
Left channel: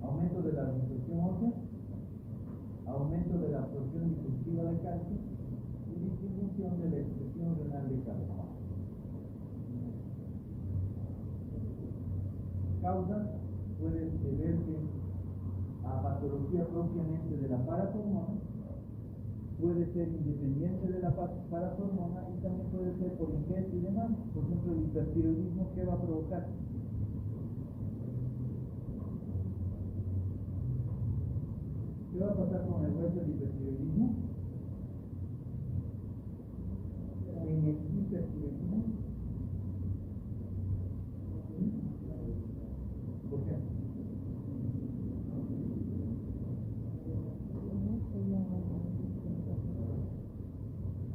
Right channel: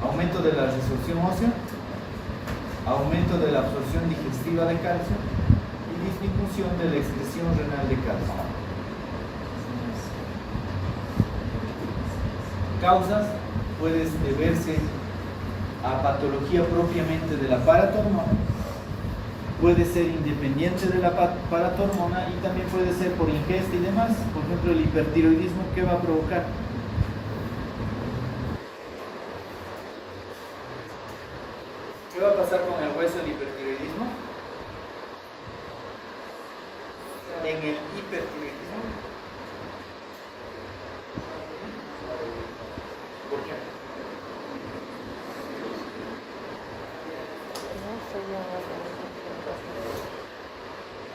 aumento de la resorción ósea, aumento de la absorción digestiva de calcio y disminución de la excreción renal de calcio. Causas: puede deberse a patología propiamente de la paratormona, puede ser independiente de la paratormona y también puede ser por ingesta y demás. Por ejemplo, el hipertiroidismo, ¿qué va a provocar? ¿Qué va a pasar con el hueso del hipertiroidismo? En el hipertiroidismo, ¿por qué?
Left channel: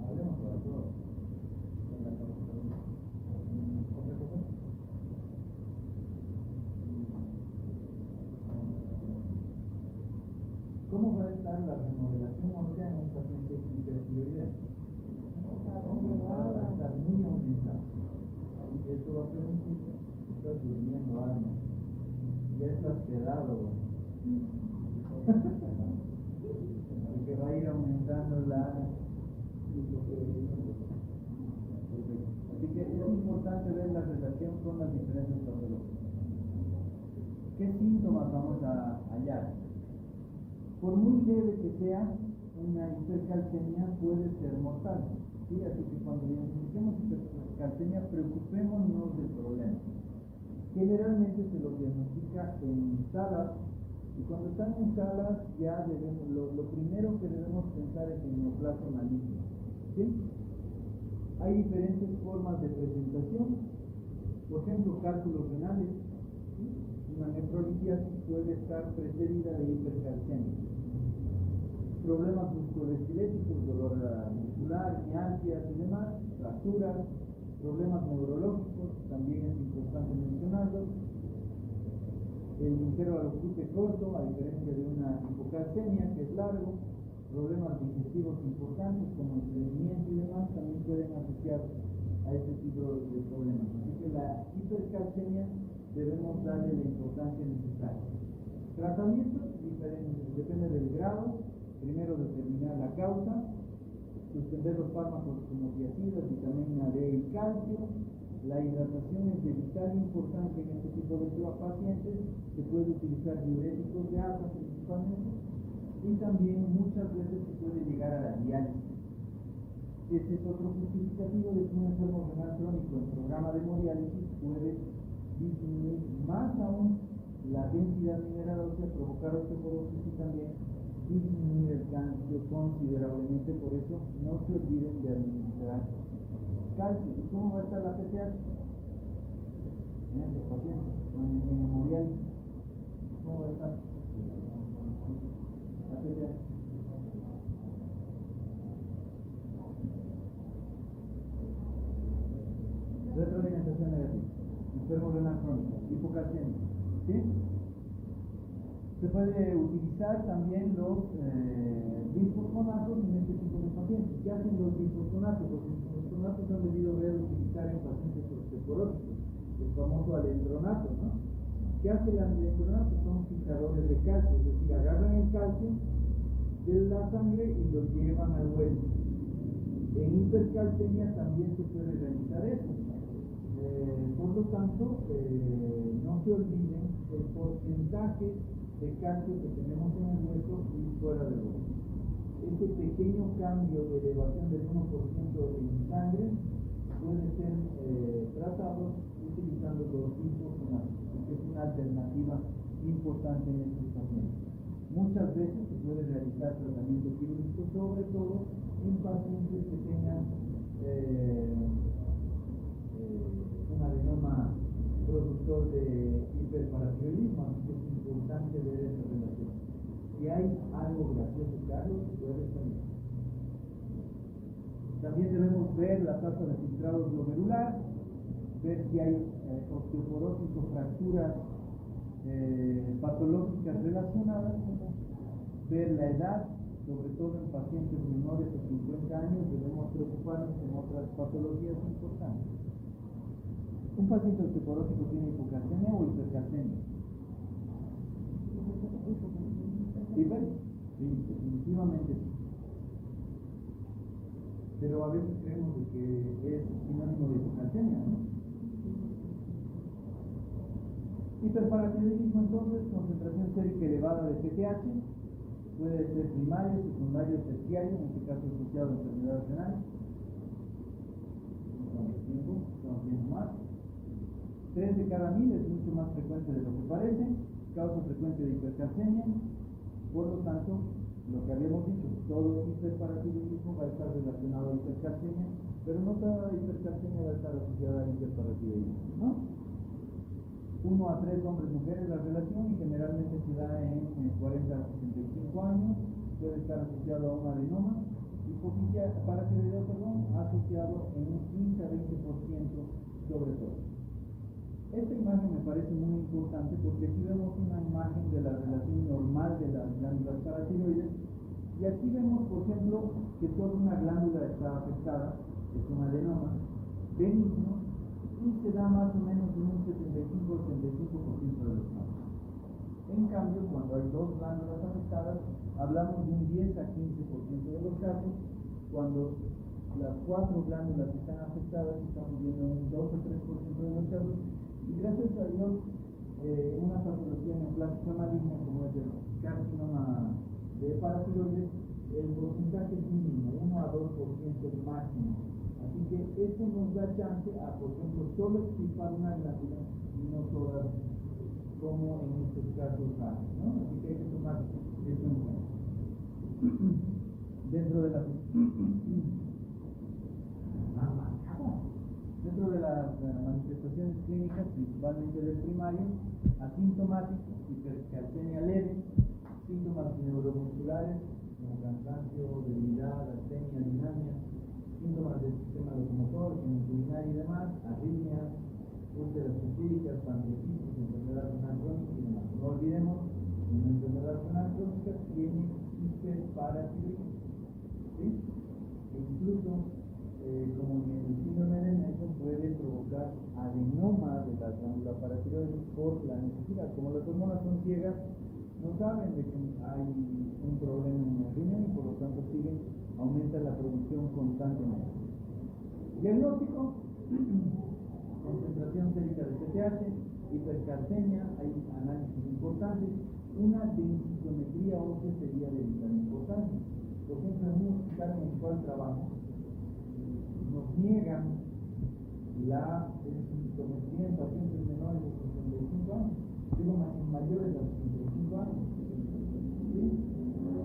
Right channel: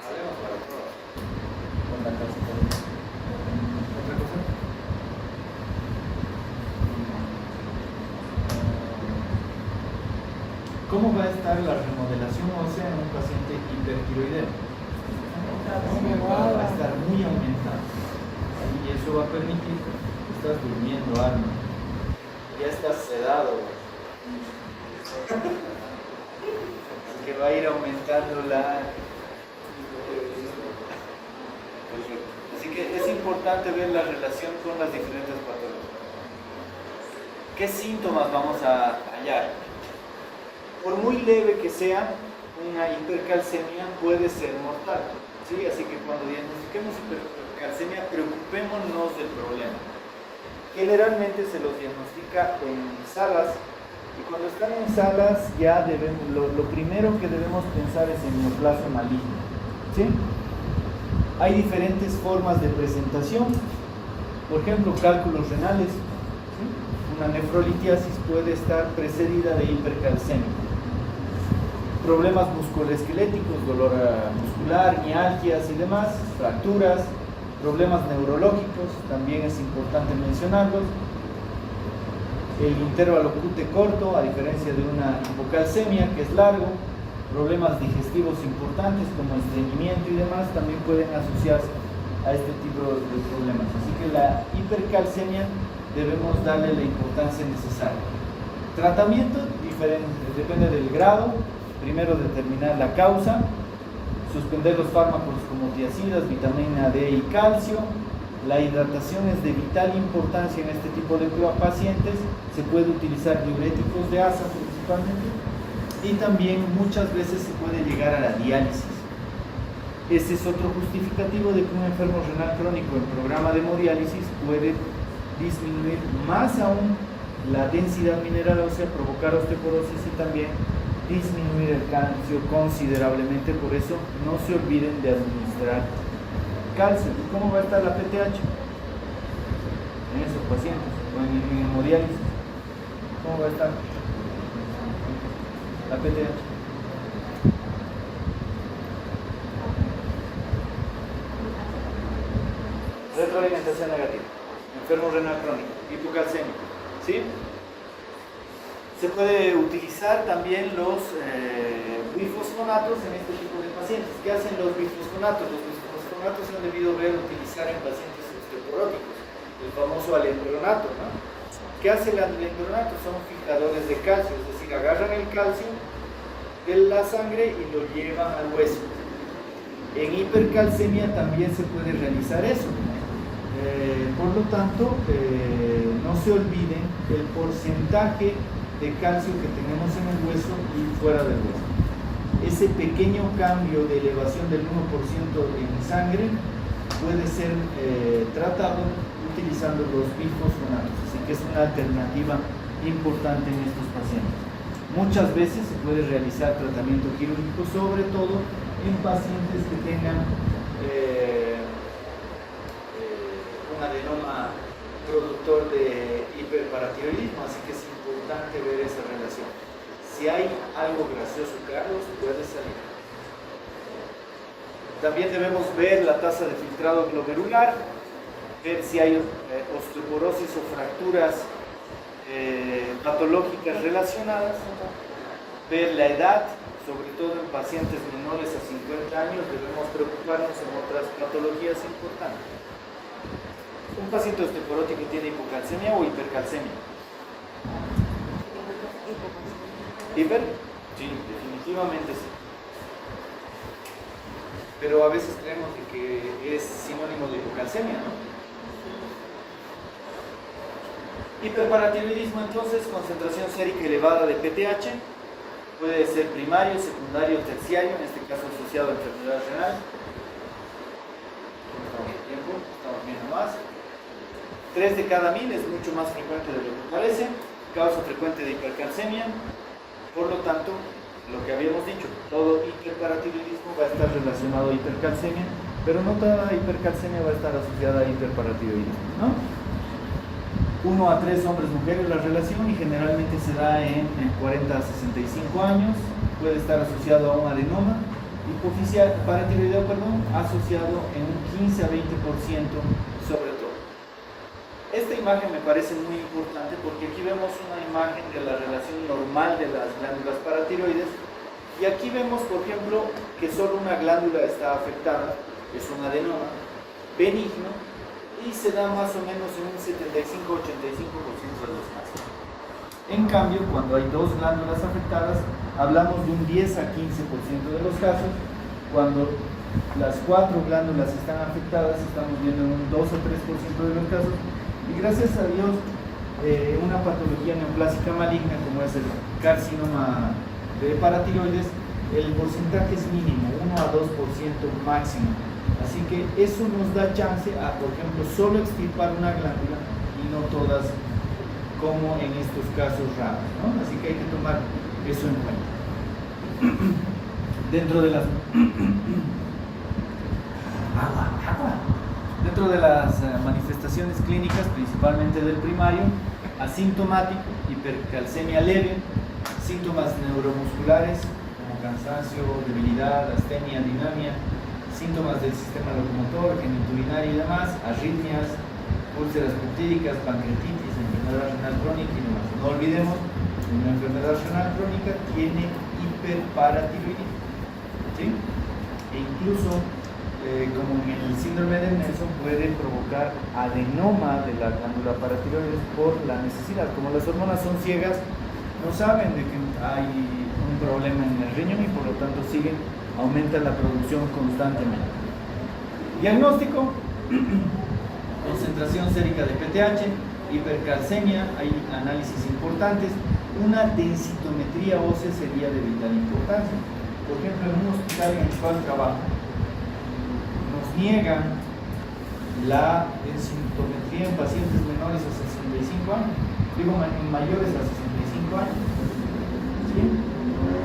Hablemos para todos. Con la calcitonina. ¿Otra cosa? ¿Cómo va a estar la remodelación ósea en un paciente hipertiroideo? Va a estar muy aumentada. Y eso va a permitir que estás durmiendo, alma. Ya estás sedado. Así que va a ir aumentando la... Perfecto. Así que es importante ver la relación con las diferentes patologías. ¿Qué síntomas vamos a hallar? Por muy leve que sea, una hipercalcemia puede ser mortal. ¿Sí? Así que cuando diagnostiquemos hipercalcemia, preocupémonos del problema. Generalmente se los diagnostica en salas, y cuando están en salas ya debemos, lo primero que debemos pensar es en neoplasia maligna. ¿Sí? Hay diferentes formas de presentación, por ejemplo, cálculos renales. ¿Sí? Una nefrolitiasis puede estar precedida de hipercalcemia. Problemas musculoesqueléticos, dolor muscular, mialgias y demás, fracturas, problemas neurológicos, también es importante mencionarlos. El intervalo QT corto, a diferencia de una hipocalcemia, que es largo, problemas digestivos importantes como estreñimiento y demás, también pueden asociarse a este tipo de problemas. Así que la hipercalcemia debemos darle la importancia necesaria. Tratamiento diferente, depende del grado. Primero determinar la causa, suspender los fármacos como tiazidas, vitamina D y calcio. La hidratación es de vital importancia en este tipo de pacientes. Se puede utilizar diuréticos de asa principalmente, y también muchas veces se puede llegar a la diálisis. Este es otro justificativo de que un enfermo renal crónico en programa de hemodiálisis puede disminuir más aún la densidad mineral ósea, provocar osteoporosis y también disminuir el calcio considerablemente. Por eso no se olviden de administrar calcio. ¿Y cómo va a estar la PTH en esos pacientes o en hemodiálisis? ¿Cómo va a estar la PTH? Retroalimentación negativa, enfermo renal crónico, hipocalcémico, ¿sí? Se puede utilizar también los bifosfonatos en este tipo de pacientes. ¿Qué hacen los bifosfonatos? Los bifosfonatos se han debido ver utilizar en pacientes osteoporóticos, el famoso alendronato, ¿no? ¿Qué hace el alendronato? Son fijadores de calcio, es decir, agarran el calcio de la sangre y lo llevan al hueso. En hipercalcemia también se puede realizar eso. Por lo tanto, no se olviden del porcentaje de calcio que tenemos en el hueso y fuera del hueso. Ese pequeño cambio de elevación del 1% en sangre puede ser tratado utilizando los bifosfonatos, así que es una alternativa importante en estos pacientes. Muchas veces se puede realizar tratamiento quirúrgico, sobre todo en pacientes que tengan un adenoma productor de hiperparatiroidismo, así que es importante ver esa relación. Si hay algo gracioso, Carlos, puede salir. También debemos ver la tasa de filtrado glomerular, ver si hay osteoporosis o fracturas patológicas relacionadas, ver la edad, sobre todo en pacientes menores a 50 años, debemos preocuparnos en otras patologías importantes. ¿Un paciente osteoporótico tiene hipocalcemia o hipercalcemia? ¿Hiper? Sí, definitivamente sí. Pero a veces creemos de que es sinónimo de hipocalcemia, ¿no? Hiperparatiroidismo, entonces, concentración sérica elevada de PTH, puede ser primario, secundario, terciario, en este caso asociado a enfermedad renal. ¿Cómo estamos de tiempo? Estamos viendo más. 3 de cada 1000 es mucho más frecuente de lo que parece, causa frecuente de hipercalcemia. Por lo tanto, lo que habíamos dicho, todo hiperparatiroidismo va a estar relacionado a hipercalcemia, pero no toda hipercalcemia va a estar asociada a hiperparatiroidismo, ¿no? 1 a 3 hombres mujeres la relación, y generalmente se da en 40 a 65 años. Puede estar asociado a un adenoma hipoficial paratiroideo, asociado en un 15 a 20% sobre todo. Esta imagen me parece muy importante porque aquí vemos una imagen de la relación normal de las glándulas paratiroides y aquí vemos, por ejemplo, que solo una glándula está afectada, es un adenoma benigno y se da más o menos en un 75-85% de los casos. En cambio, cuando hay dos glándulas afectadas, hablamos de un 10 a 15% de los casos. Cuando las 4 glándulas están afectadas, estamos viendo en un 2 o 3% de los casos. Y gracias a Dios, una patología neoplásica maligna como es el carcinoma de paratiroides, el porcentaje es mínimo, 1 a 2% máximo. Así que eso nos da chance a, por ejemplo, solo extirpar una glándula y no todas como en estos casos raros, ¿no? Así que hay que tomar eso en cuenta. Dentro de las manifestaciones clínicas, principalmente del primario, asintomático, hipercalcemia leve, síntomas neuromusculares como cansancio, debilidad, astenia, dinamia, síntomas del sistema locomotor, genitourinario y demás, arritmias, úlceras peptídicas, pancreatitis, enfermedad renal crónica y demás. No olvidemos, una enfermedad renal crónica tiene hiperparatiroidismo, ¿sí? E incluso como en el síndrome de Nelson, puede provocar adenoma de la glándula paratiroides por la necesidad. Como las hormonas son ciegas, no saben de que hay un problema en el riñón y por lo tanto aumentan la producción constantemente. Diagnóstico: concentración sérica de PTH, hipercalcemia, hay análisis importantes. Una densitometría ósea sería de vital importancia. Por ejemplo, en un hospital en el cual trabajo, nos niegan la densitometría en pacientes menores a 65 años, digo en mayores a 65 años, ¿sí?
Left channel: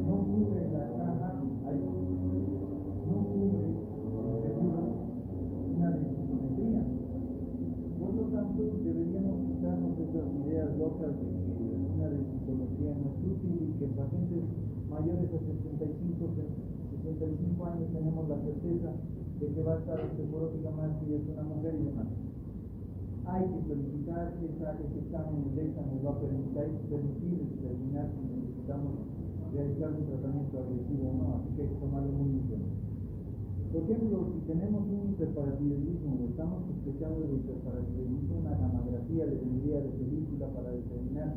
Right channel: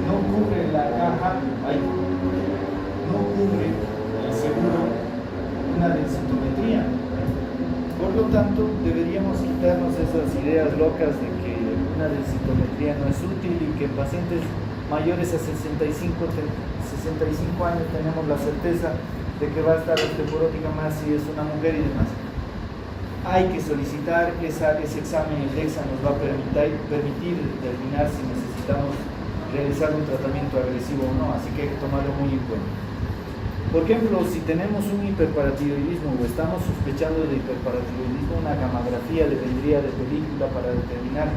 No cubre la caja, no cubre el seguro una densitometría. Por lo tanto, deberíamos quitarnos esas ideas locas de que una densitometría no es útil y que en pacientes mayores a 65 años tenemos la certeza de que va a estar osteoporótica más si es una mujer y demás. Hay que solicitar ese examen, el DEXA nos va a permitir determinar si necesitamos realizar un tratamiento agresivo o no, así que hay que tomarlo muy en cuenta. Por ejemplo, si tenemos un hiperparatiroidismo o estamos sospechando de hiperparatiroidismo, una gamografía le vendría de película para determinar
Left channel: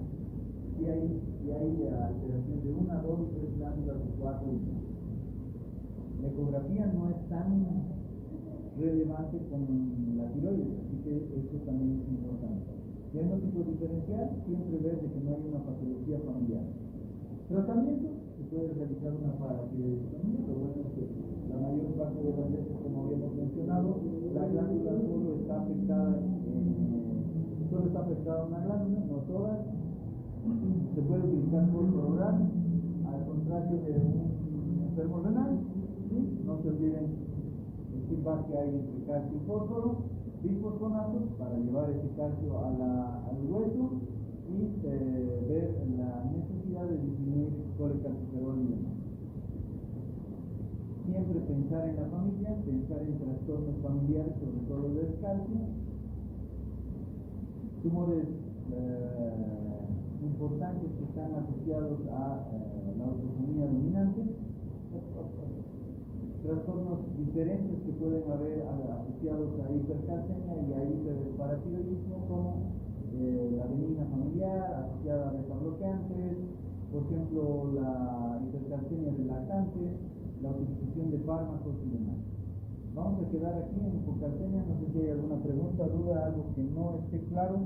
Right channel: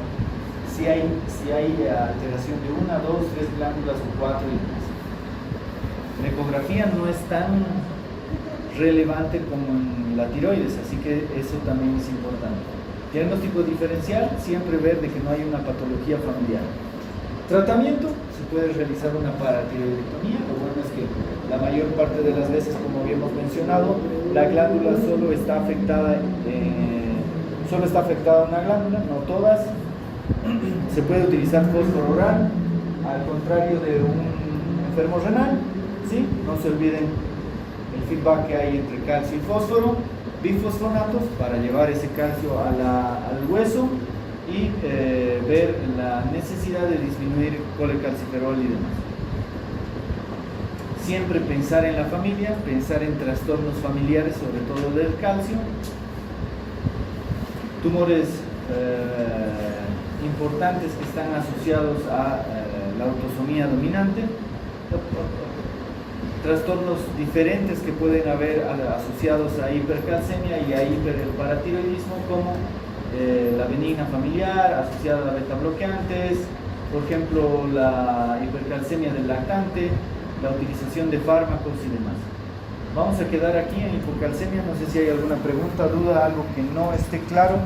si hay alteración de 1, 2, 3 glándulas o 4 y demás. La ecografía no es tan relevante como en la tiroides, así que eso también es importante. Diagnóstico diferencial, siempre ver de que no hay una patología familiar. Tratamiento, se puede realizar una paratiroidectomía. Lo bueno es que la mayor parte de las veces, como habíamos mencionado, la glándula solo está afectada una glándula, no todas. Se puede utilizar fósforo oral, al contrario de un enfermo renal, ¿sí? No se olviden el feedback que hay entre calcio y fósforo, bifosfonatos para llevar ese calcio al hueso y ver la necesidad de disminuir colecalciferol y demás. Siempre pensar en la familia, pensar en trastornos familiares, sobre todo del calcio. Tumores importantes que están asociados a la autosomía dominante. Trastornos diferentes que pueden haber asociados a hipercalcemia y a hiperparatiroidismo, como la benigna familiar asociada a beta bloqueantes, por ejemplo la hipercalcemia del lactante, la utilización de fármacos y demás. Vamos a quedar aquí en hipocalcemia. No sé si hay alguna pregunta, duda, algo que no esté claro.